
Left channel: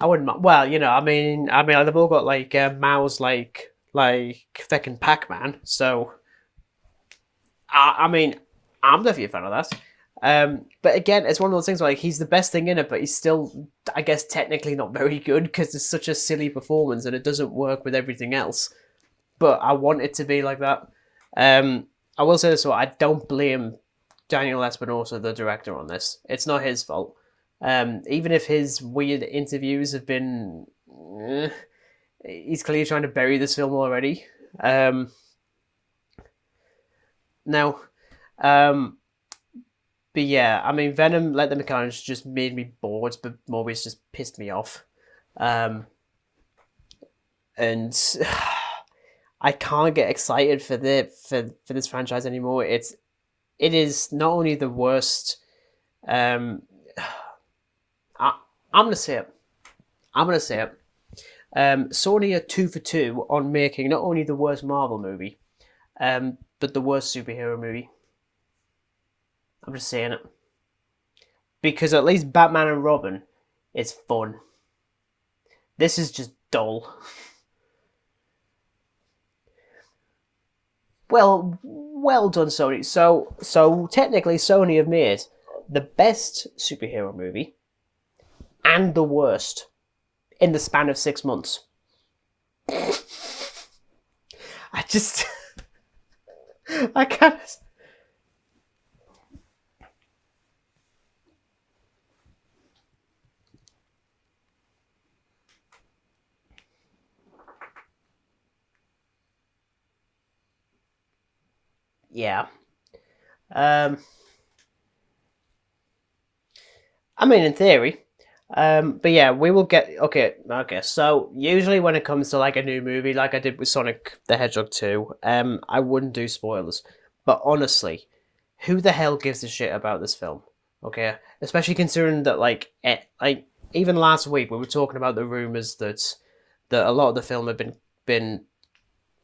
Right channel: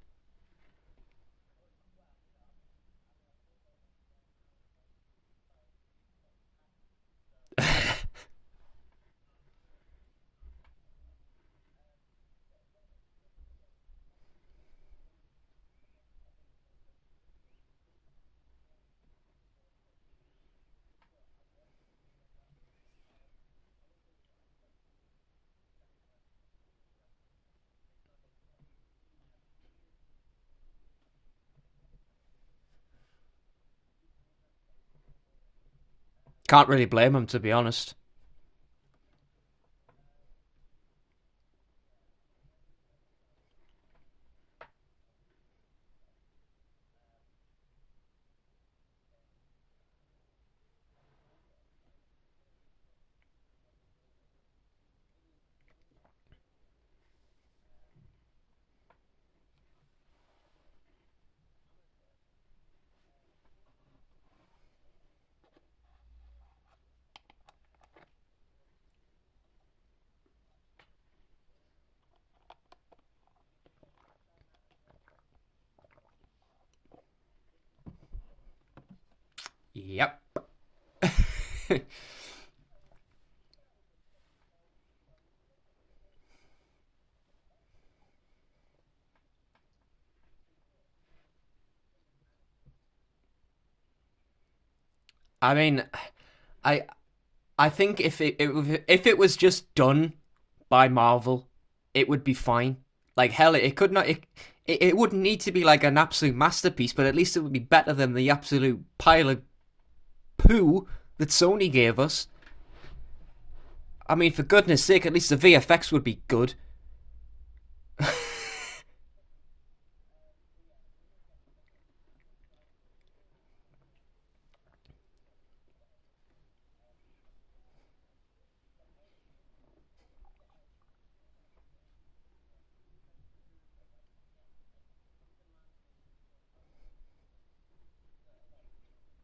I wouldn't mind. Well, you know, I mean, they've all got like mouths like fucking Pac-Man. So, I'm definitely a fan of that. But again, it's one of those things where like he's the best thing in it, but he's still, I guess, technically not very good because it's such a silly performance and it doesn't work with everything else. But I want it to be like that. I will say this, so I don't blame Daniel Espinosa, the director, on this. It's not his fault. Even if his weird interviews have been... he's clearly trying to bury this film already. Can't really blame him, to be honest. But yeah, I mean, Venom Let Them Be Carnage just made me bored, but Morbius just pissed me off. And I can't get excited for this franchise anymore. It is not only the worst. I'm gonna say it. Sony are 2 for 2 on making not only the worst Marvel movie, but the worst superhero movie. I'm just saying it. Because at least Batman and Robin is fun. This is just dull. Yep. Well done, Sony. So technically, Sony have made the best superhero movie, and the worst in the span of 6 months. I mean, I can't. I think if it was just done by Marvel, it would be fine. Like hell, it could not. It wouldn't need to be like an absolute masterpiece, but at least it would be better than the absolute pile of poo that Sony gave us. Yeah. I mean, for goodness sake, at least the VFX would be good. I mean, in theory. But yeah, we will get... Okay, so usually when it comes to like a new movie, like I did with Sonic the Hedgehog 2, I wouldn't do spoilers. But honestly, who the hell gives a shit about this film? Okay? Especially considering that, like even last week we were talking about the rumours that a lot of the film had been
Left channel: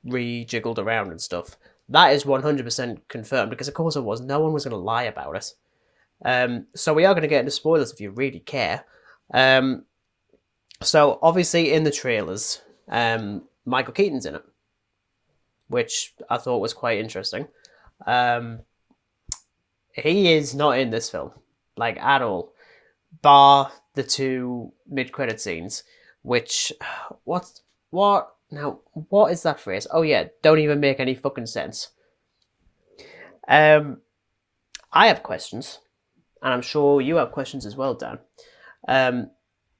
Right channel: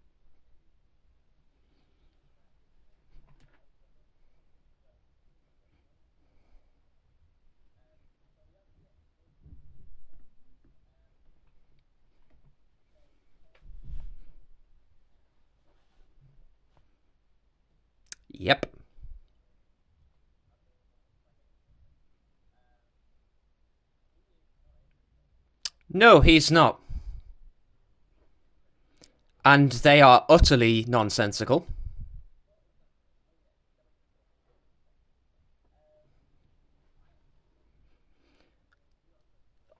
rejiggled around and stuff. That is 100% confirmed, because of course it was. No one was going to lie about it. So we are going to get into spoilers if you really care. So obviously in the trailers, Michael Keaton's in it, which I thought was quite interesting. Yep. He is not in this film, like, at all, bar the 2 mid-credit scenes. No, he's not. What? Now, what is that And phrase? they are don't utterly even make nonsensical. any fucking sense. I have questions, and I'm sure you have questions as well, Dan.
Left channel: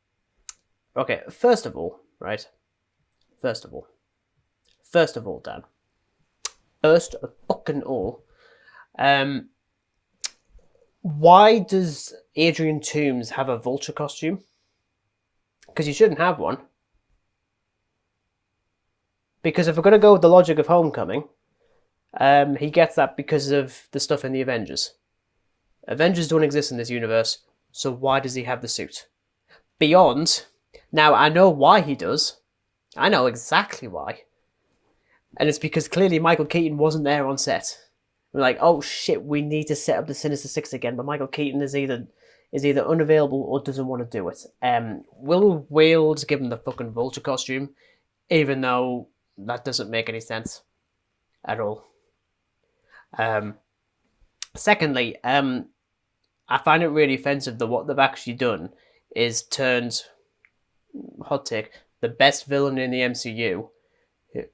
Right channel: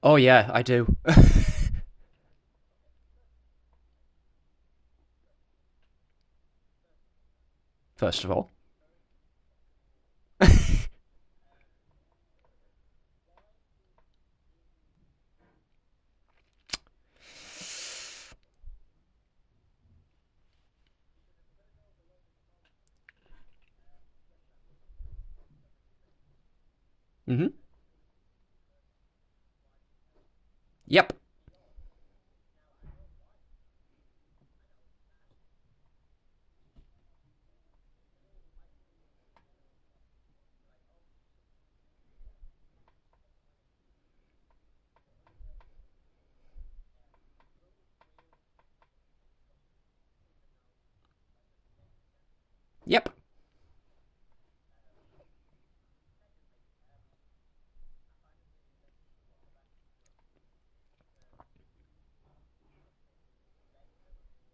Oh yeah, I do. Okay, first of all, Dan. First of all, why does Adrian Toomes have a vulture costume? Because you shouldn't have one. Because if we're going to go with the logic of Homecoming, he gets that because of the stuff in the Avengers. Avengers don't exist in this universe, so why does he have the suit? Beyond, now I know why he does. I know exactly why. And it's because clearly Michael Keaton wasn't there on set. We're like, oh shit, we need to set up the Sinister Six again, but Michael Keaton is either unavailable or doesn't want to do it. Will Wales give him the fucking vulture costume, even though that doesn't make any sense at all. Yep. Secondly, I find it really offensive that what they've actually done is turned, hot take, the best villain in the MCU,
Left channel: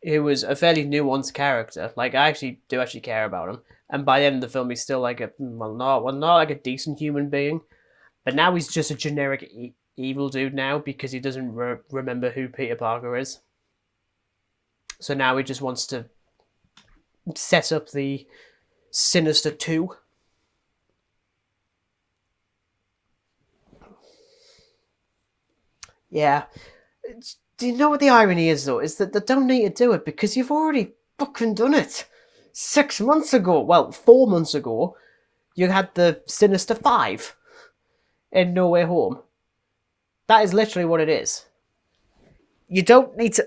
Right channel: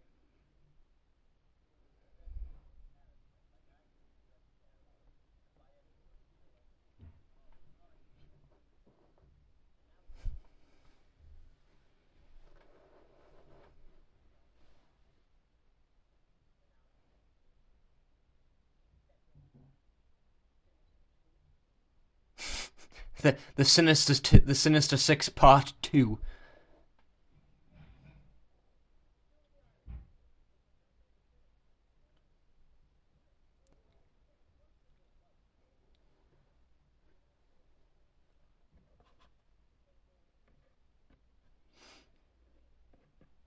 who was a fairly nuanced character. Like, I do actually care about him, and by the end of the film, he's still like not like a decent human being, but now he's just a generic evil dude now because he doesn't remember who Peter Parker is. So now he just wants to set up the Sinister 2. The Sinister Six Part 2. Yeah. Do you know what the irony is, though? Is that they don't need to do it because you've already fucking done it. 6 months ago, well, 4 months ago, you had the Sinister 5 in No Way Home. That is literally what it is. You don't need to...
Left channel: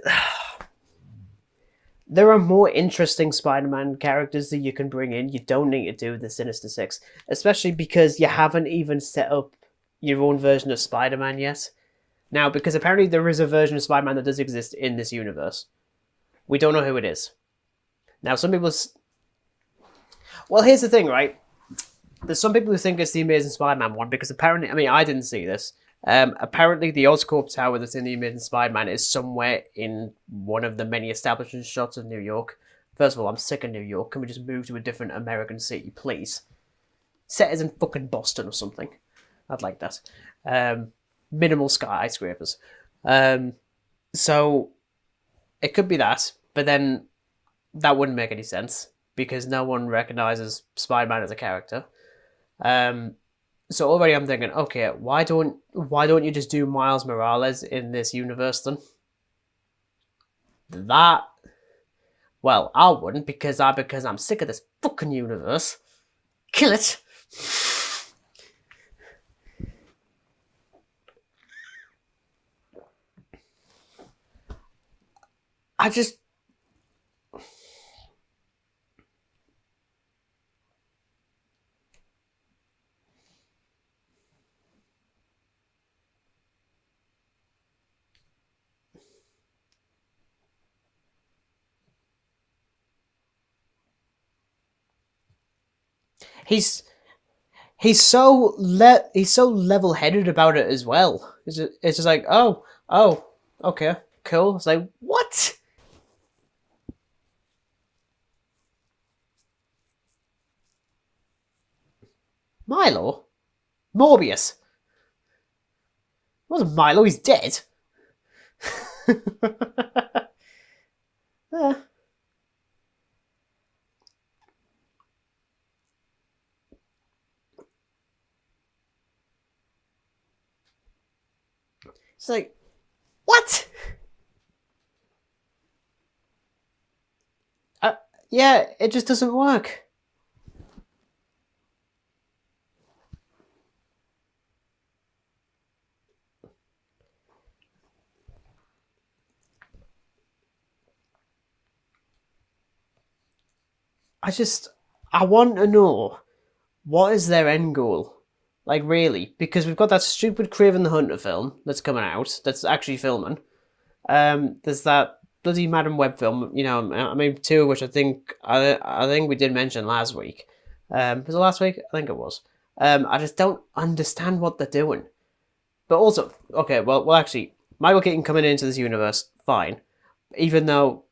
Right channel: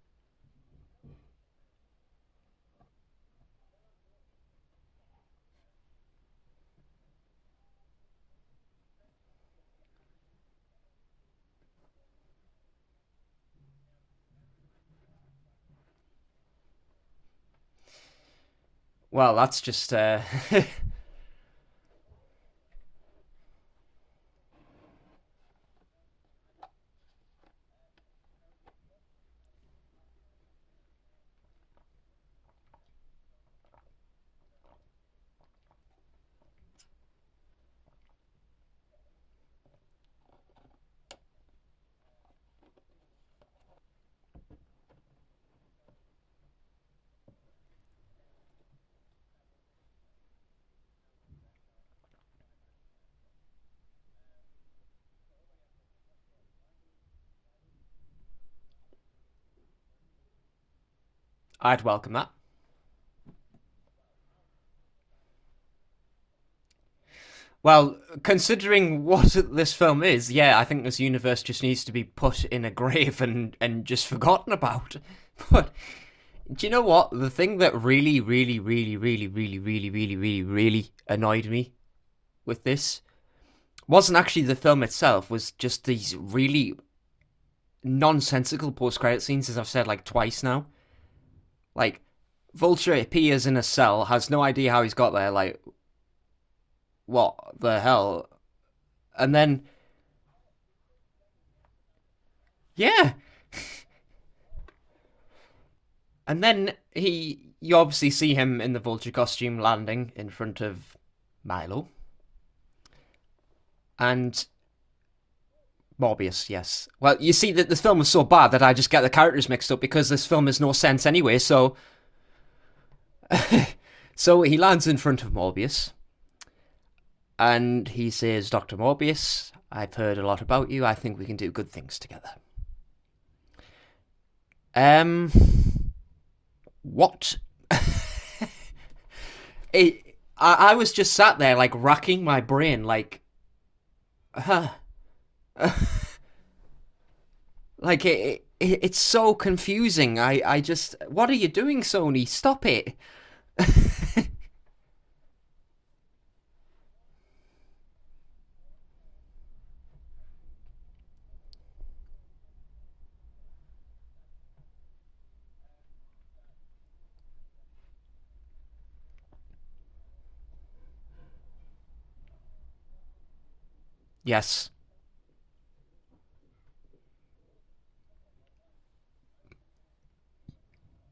There are more interesting Spider-Man characters that you can bring in. You don't need to do the Sinister Six. Especially because you haven't even set up your own version of Spider-Man yet. Now, because apparently there is a version of Spider-Man that does exist in this universe. We don't know who it is. Now, some people... Well, that's just... Well, here's the thing, right? There's some people who think it's the Amazing Spider-Man one, because apparently... I mean, I didn't see this. Apparently, the Oscorp Tower that's in the Amazing Spider-Man is somewhere in one of the many establishment shots of New York. First of all, I'm sick of New York. Can we just move to a different American city, please? Set us in fucking Boston or something. I'd like that. Minimal skyscrapers. So, it could be that, but then that wouldn't make any sense, because no one recognizes Spider-Man as a character. So already I'm thinking, okay, why don't you just do Miles Morales in this universe then? That... I'd welcome that. Well, I wouldn't, because I'm sick of this fucking universe. Kill it! Well, considering what this film is, yeah, I think this universe just needs to be put in a grave and just forgotten about. But do you know what? The thing that really, really, really, really, really, really, really, really, really annoyed me with this wasn't actually the film itself, was just these really nonsensical post-credit scenes, as I've said like twice now. Like, Vulture appears in a cell, has no idea how he's got there, like... He's... What the hell? He's so level-headed about it as well. It's just like, oh, Yeah. oh, okay, cool. It's like, what? And then you obviously see him in the vulture costume landing in front of Milo. Milo? And Morbius? Morbius, Wasn't yes. Milo? Well, He's you see dead. that this film was so bad that I just get the characters mixed up because this film has no sense anyway. So, so he lands in front of Morbius, and he says, "Dr. Morbius, I've heard a lot about you. I think we can do good things together." It's like, what? Um, what? Yeah, it just doesn't work. I was just sat there like racking my brain, like, like it's so confusing. I just, what are you doing, Sony? Stop it. I want to know, what is their end goal? Like, really? Because we've got that stupid Craven the Hunter film that's coming out, that's actually filming. There's that bloody Madam Web film, I mean, two of which I think we did mention last week. Was it last week? I think it was. I just don't understand what they're doing. But also, okay, well, actually, Michael Keaton coming into this universe, fine. Even though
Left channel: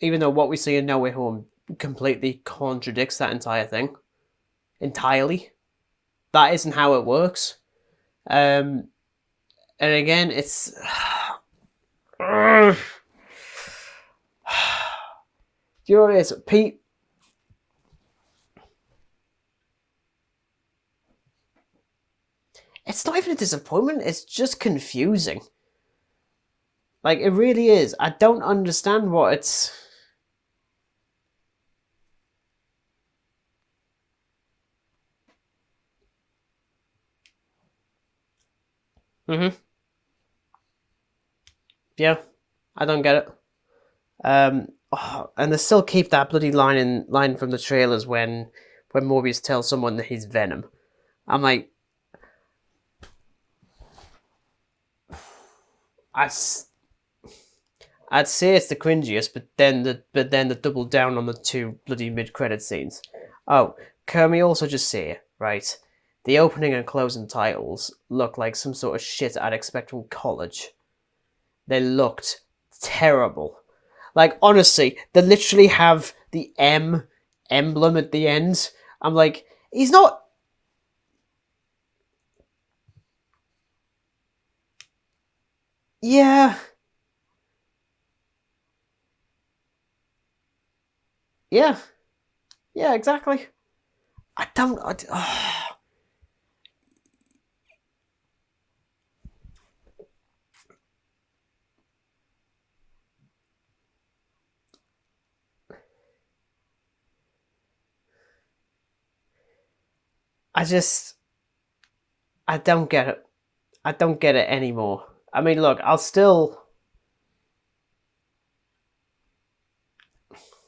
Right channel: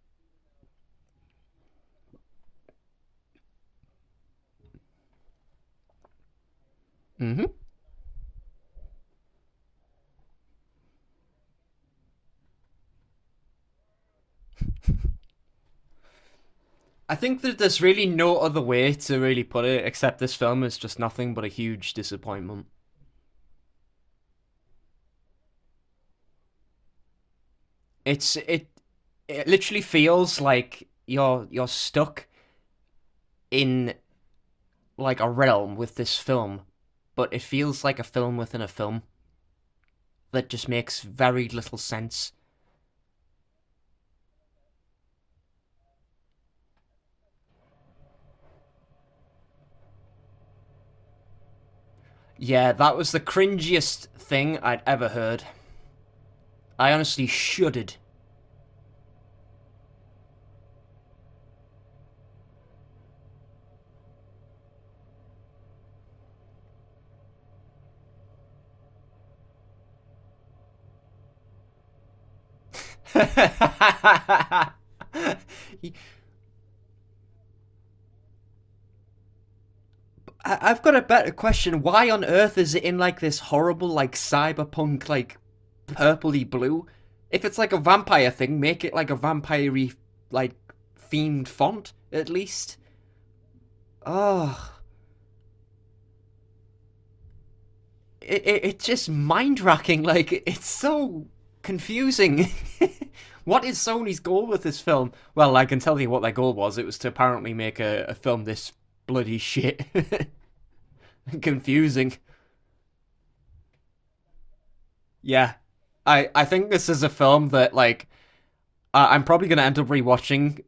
what we see in No Way Home completely contradicts that entire thing. Entirely. That isn't how it works. And again, it's... Do you know what it is? Pete... I think that there's really no other way to really put it except this film is just nothing but a huge disappointment. It's not even a disappointment, it's just confusing. Like, it really is. I don't understand what it's... It literally feels like you're stuck in, like, a realm with this film, but it feels like a film within a film. Mm-hmm. That just makes very little sense. Yeah, I don't get it. And they still keep that bloody line from the trailers when Morbius tells someone that he's Venom. I'm like... Yeah, that was the cringiest thing I'd ever heard. I honestly shuddered. I'd say it's the cringiest, but then the double down on the two bloody mid-credit scenes. Oh, can we also just say, right, the opening and closing titles look like some sort of shit I'd expect from college. They looked terrible. Like, honestly, they literally have the M emblem at the end. I'm like, he's not... I've got a better question. Why on earth is it in, like, this horrible, like, cyberpunk, like, purpley blue? If it's like a vampire thing, make it like a vampire-y, like, themed font, at least. Yeah, exactly. Oh. It's just mind-racking. Like, it's so confusing. What is Sony's goal with this film? Well, I can tell you what their goal was. It was to apparently make a film this bloody shit. Confusing. I don't get it. I don't get it anymore. Yeah. I mean, look, I think this is a film that, like, I'm probably going to end up rewatching,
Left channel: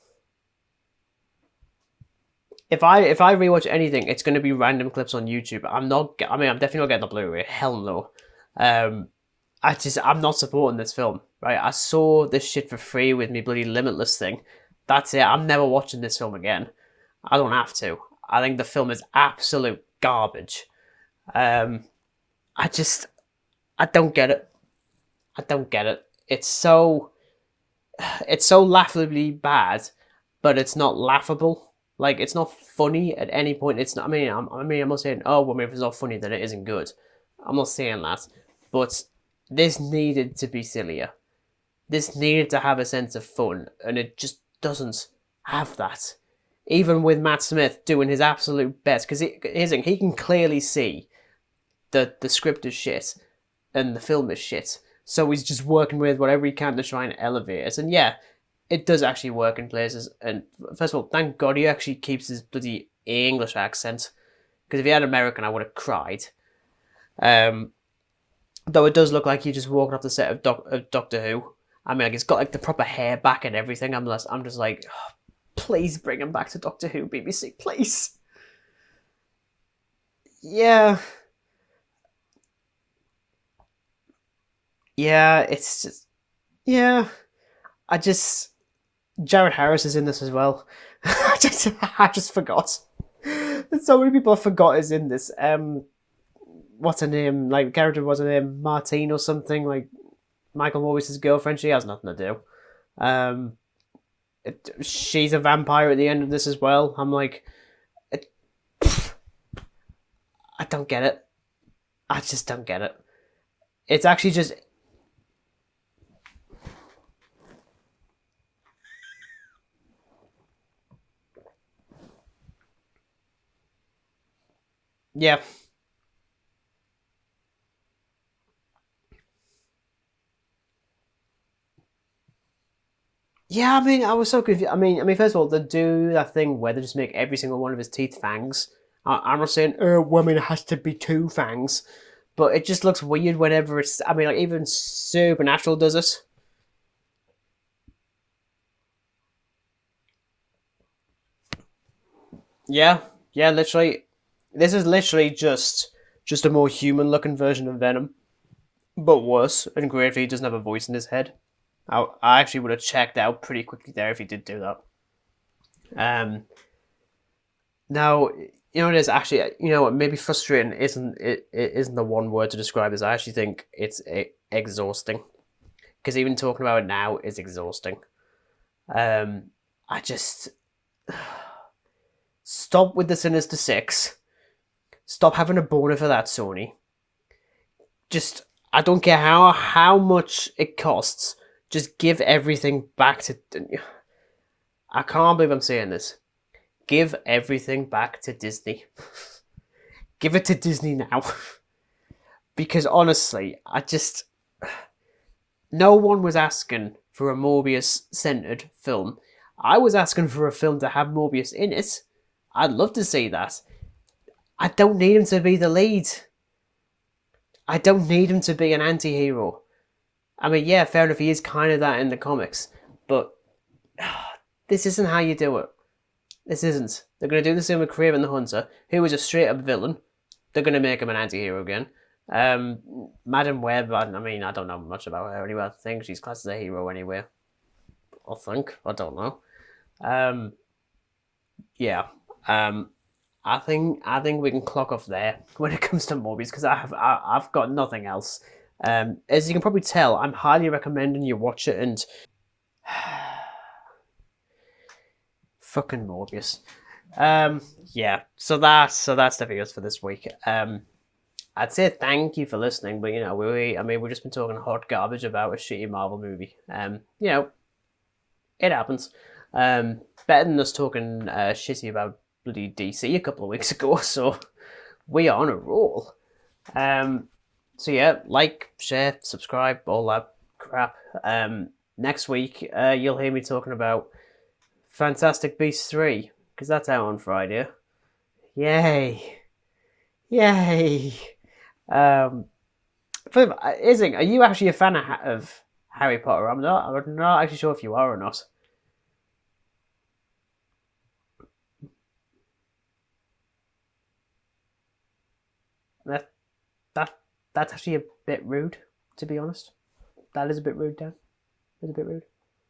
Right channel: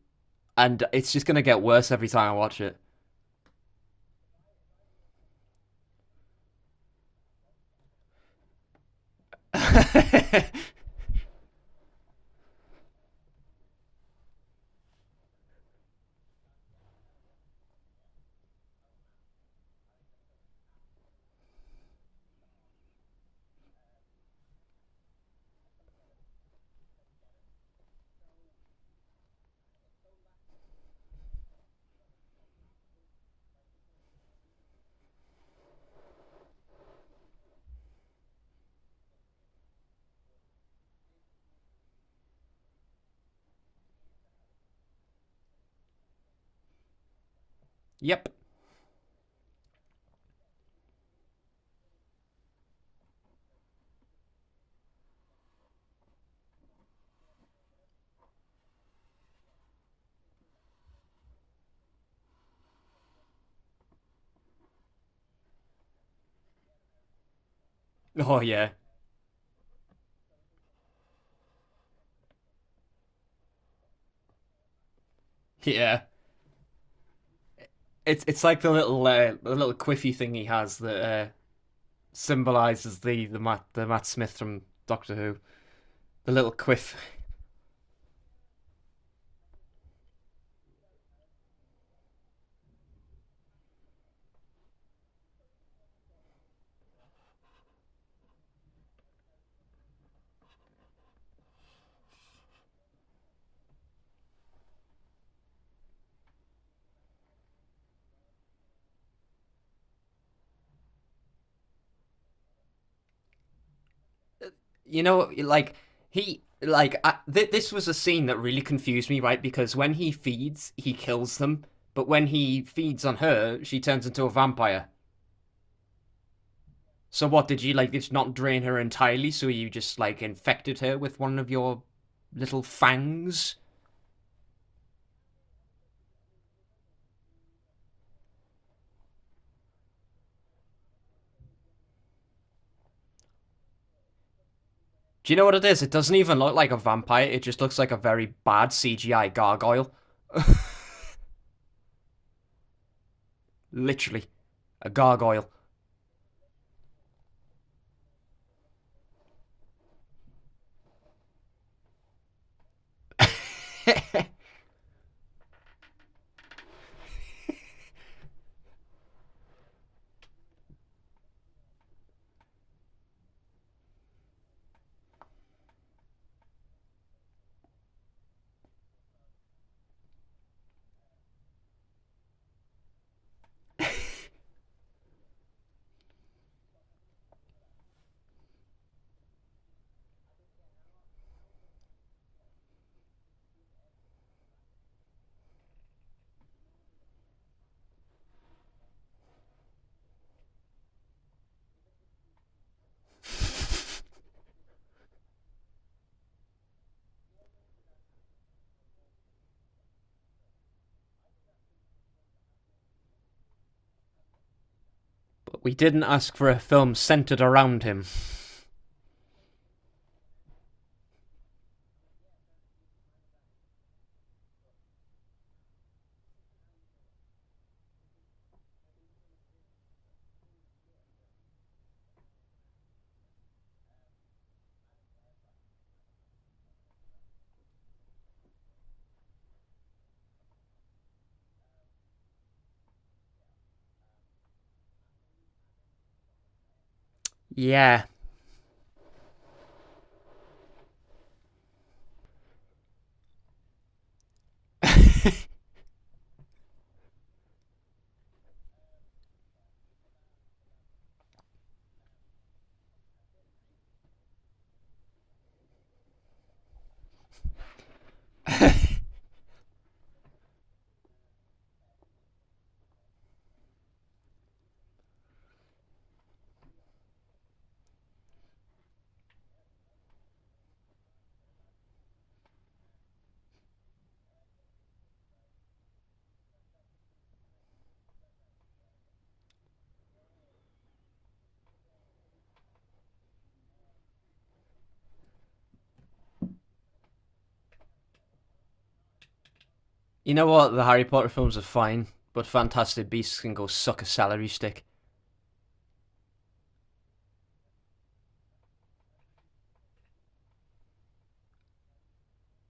and it's just going to get worse every time I watch it. If I rewatch anything, it's going to be random clips on YouTube. I'm definitely not getting the Blu-ray. Hell no. I'm not supporting this film. Right? I saw this shit for free with me bloody Limitless thing. That's it. I'm never watching this film again. I don't have to. I think the film is absolute garbage. I don't get it. I don't get it. It's so laughably bad, but it's not laughable. Like, it's not funny at any point. It's not. I'm not saying, oh, well, if it's not funny, then it isn't good. I'm not saying that, but this needed to be sillier. This needed to have a sense of fun, and it just doesn't have that. Even with Matt Smith doing his absolute best, because he can clearly see that the script is shit and the film is shit. So he's just working with whatever he can to try and elevate it. And yeah, it does actually work in places. And first of all, thank God he actually keeps his bloody English accent. Because if he had American, I would have cried. Oh, yeah. Though it does look like he just walking off the set of Doctor Who. I mean, like, he's got like the proper hair back and everything. I'm just like... Oh, please bring him back to Doctor Who, BBC, please. It's like the little quiffy thing he has that symbolises the Matt Smith from Doctor Who. Yeah, it's just... The little quiff. Yeah. Jared Harris is in this as well. I just forgot. So many people I forgot is in this. what's her name? Like, character, what's her name? Martine or something? Like, Michael Morbius' girlfriend. She has nothing to do. She's a vampire at the end of this as well. I'm like, it, I don't get it. I just don't get it. It's actually just, like this was a scene that really confused me, right? Because when he feeds, he kills them, but when he feeds on her, she turns into a vampire. yeah. So what did you just not drain her entirely? So you just infected her with one of your little fangs? Yeah, I mean, I was so confused. First of all, they do that thing where they just make every single one of his teeth fangs. I'm not saying, woman has to be 2 fangs, but it just looks weird whenever it's. I mean, like even Supernatural. Do you know what it is? It does doesn't even look like a vampire. It just looks like a very bad CGI gargoyle. Yeah, literally. Literally. This is literally gargoyle. just a more human-looking version of Venom, but worse. And gravely, he doesn't have a voice in his head. I actually would have checked out pretty quickly there if he did do that. Now, you know what it is actually. You know what? Maybe frustrating isn't it? It isn't the one word to describe this. I actually think it's exhausting, because even talking about it now is exhausting. I just stop with the Sinister Six. Stop having a boner for that, Sony. Just, I don't care how much it costs. Just give everything back to. I can't believe I'm saying this. Give everything back to Disney. Give it to Disney now. Because honestly, no one was asking for a Morbius-centered film. I was asking for a film to have Morbius in it. I'd love to see that. I don't need him to be the lead. Didn't ask for a film centered around him. I don't need him to be an anti-hero. I mean, yeah, fair enough, he is kind of that in the comics, but this isn't how you do it. This isn't. They're going to do the same with Kraven the Hunter, who was a straight-up villain. They're going to make him an anti-hero again. Madam Web, I don't know much about her anyway. I think she's classed as a hero anyway. I don't know. I think we can clock off there when it comes to Morbius, because I've got nothing else. As you can probably tell, I'm highly recommending you watch it, and fucking Morbius. So that's the videos for this week. I'd say thank you for listening, but we've just been talking hot garbage about a shitty Marvel movie. It happens. Better than us talking shitty about bloody DC a couple of weeks ago, so we are on a roll. So yeah, like, share, subscribe, all that crap. Next week, you'll hear me talking about Fantastic Beasts 3, because that's out on Friday. Yay! Ising, are you actually a fan of Harry Potter? I'm not actually sure if you are or not. You know what? The Harry Potter films are fine, but Fantastic Beasts can go suck a celery stick. That's actually a bit rude, to be honest. That is a bit rude, Dan. It's a bit rude.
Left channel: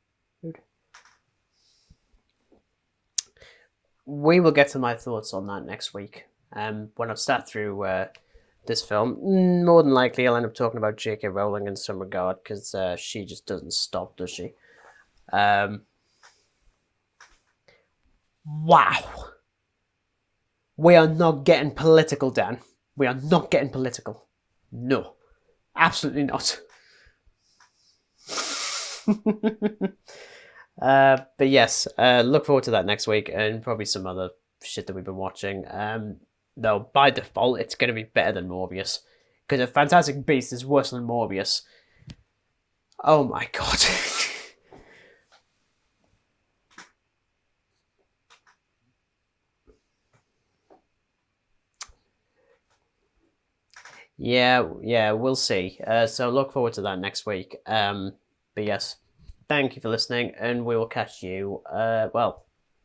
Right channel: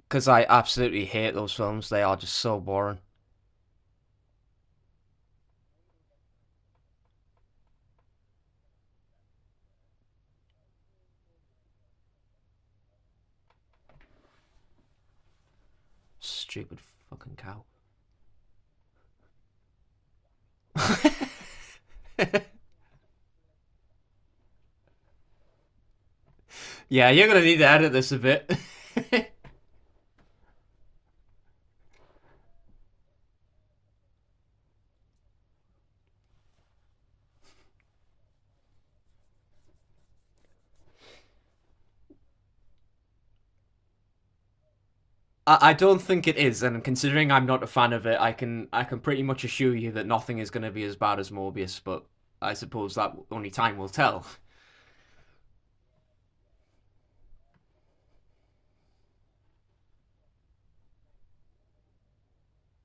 Because I absolutely hate those films. They are just so boring. We will get to my thoughts on that next week. When I've sat through this film, more than likely I'll end up talking about J.K. Rowling in some regard, because she just doesn't stop, does she? Stupid fucking cow. Wow. We are not getting political, Dan. We are not getting political. No. Absolutely not. Yeah, you're going to need to edit this a bit. But yes, look forward to that next week, and probably some other shit that we've been watching. Though, by default, it's going to be better than Morbius. Because if Fantastic Beasts is worse than Morbius, oh my god. I don't think it is, and considering I'm not a fan of it, I can pretty much assure you that nothing is going to be as bad as Morbius, but I suppose that only time will tell. Yeah, we'll see. So look forward to that next week. But yes, thank you for listening, and we will catch you,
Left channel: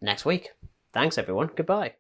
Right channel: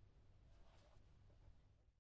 next week. Thanks, everyone. Goodbye.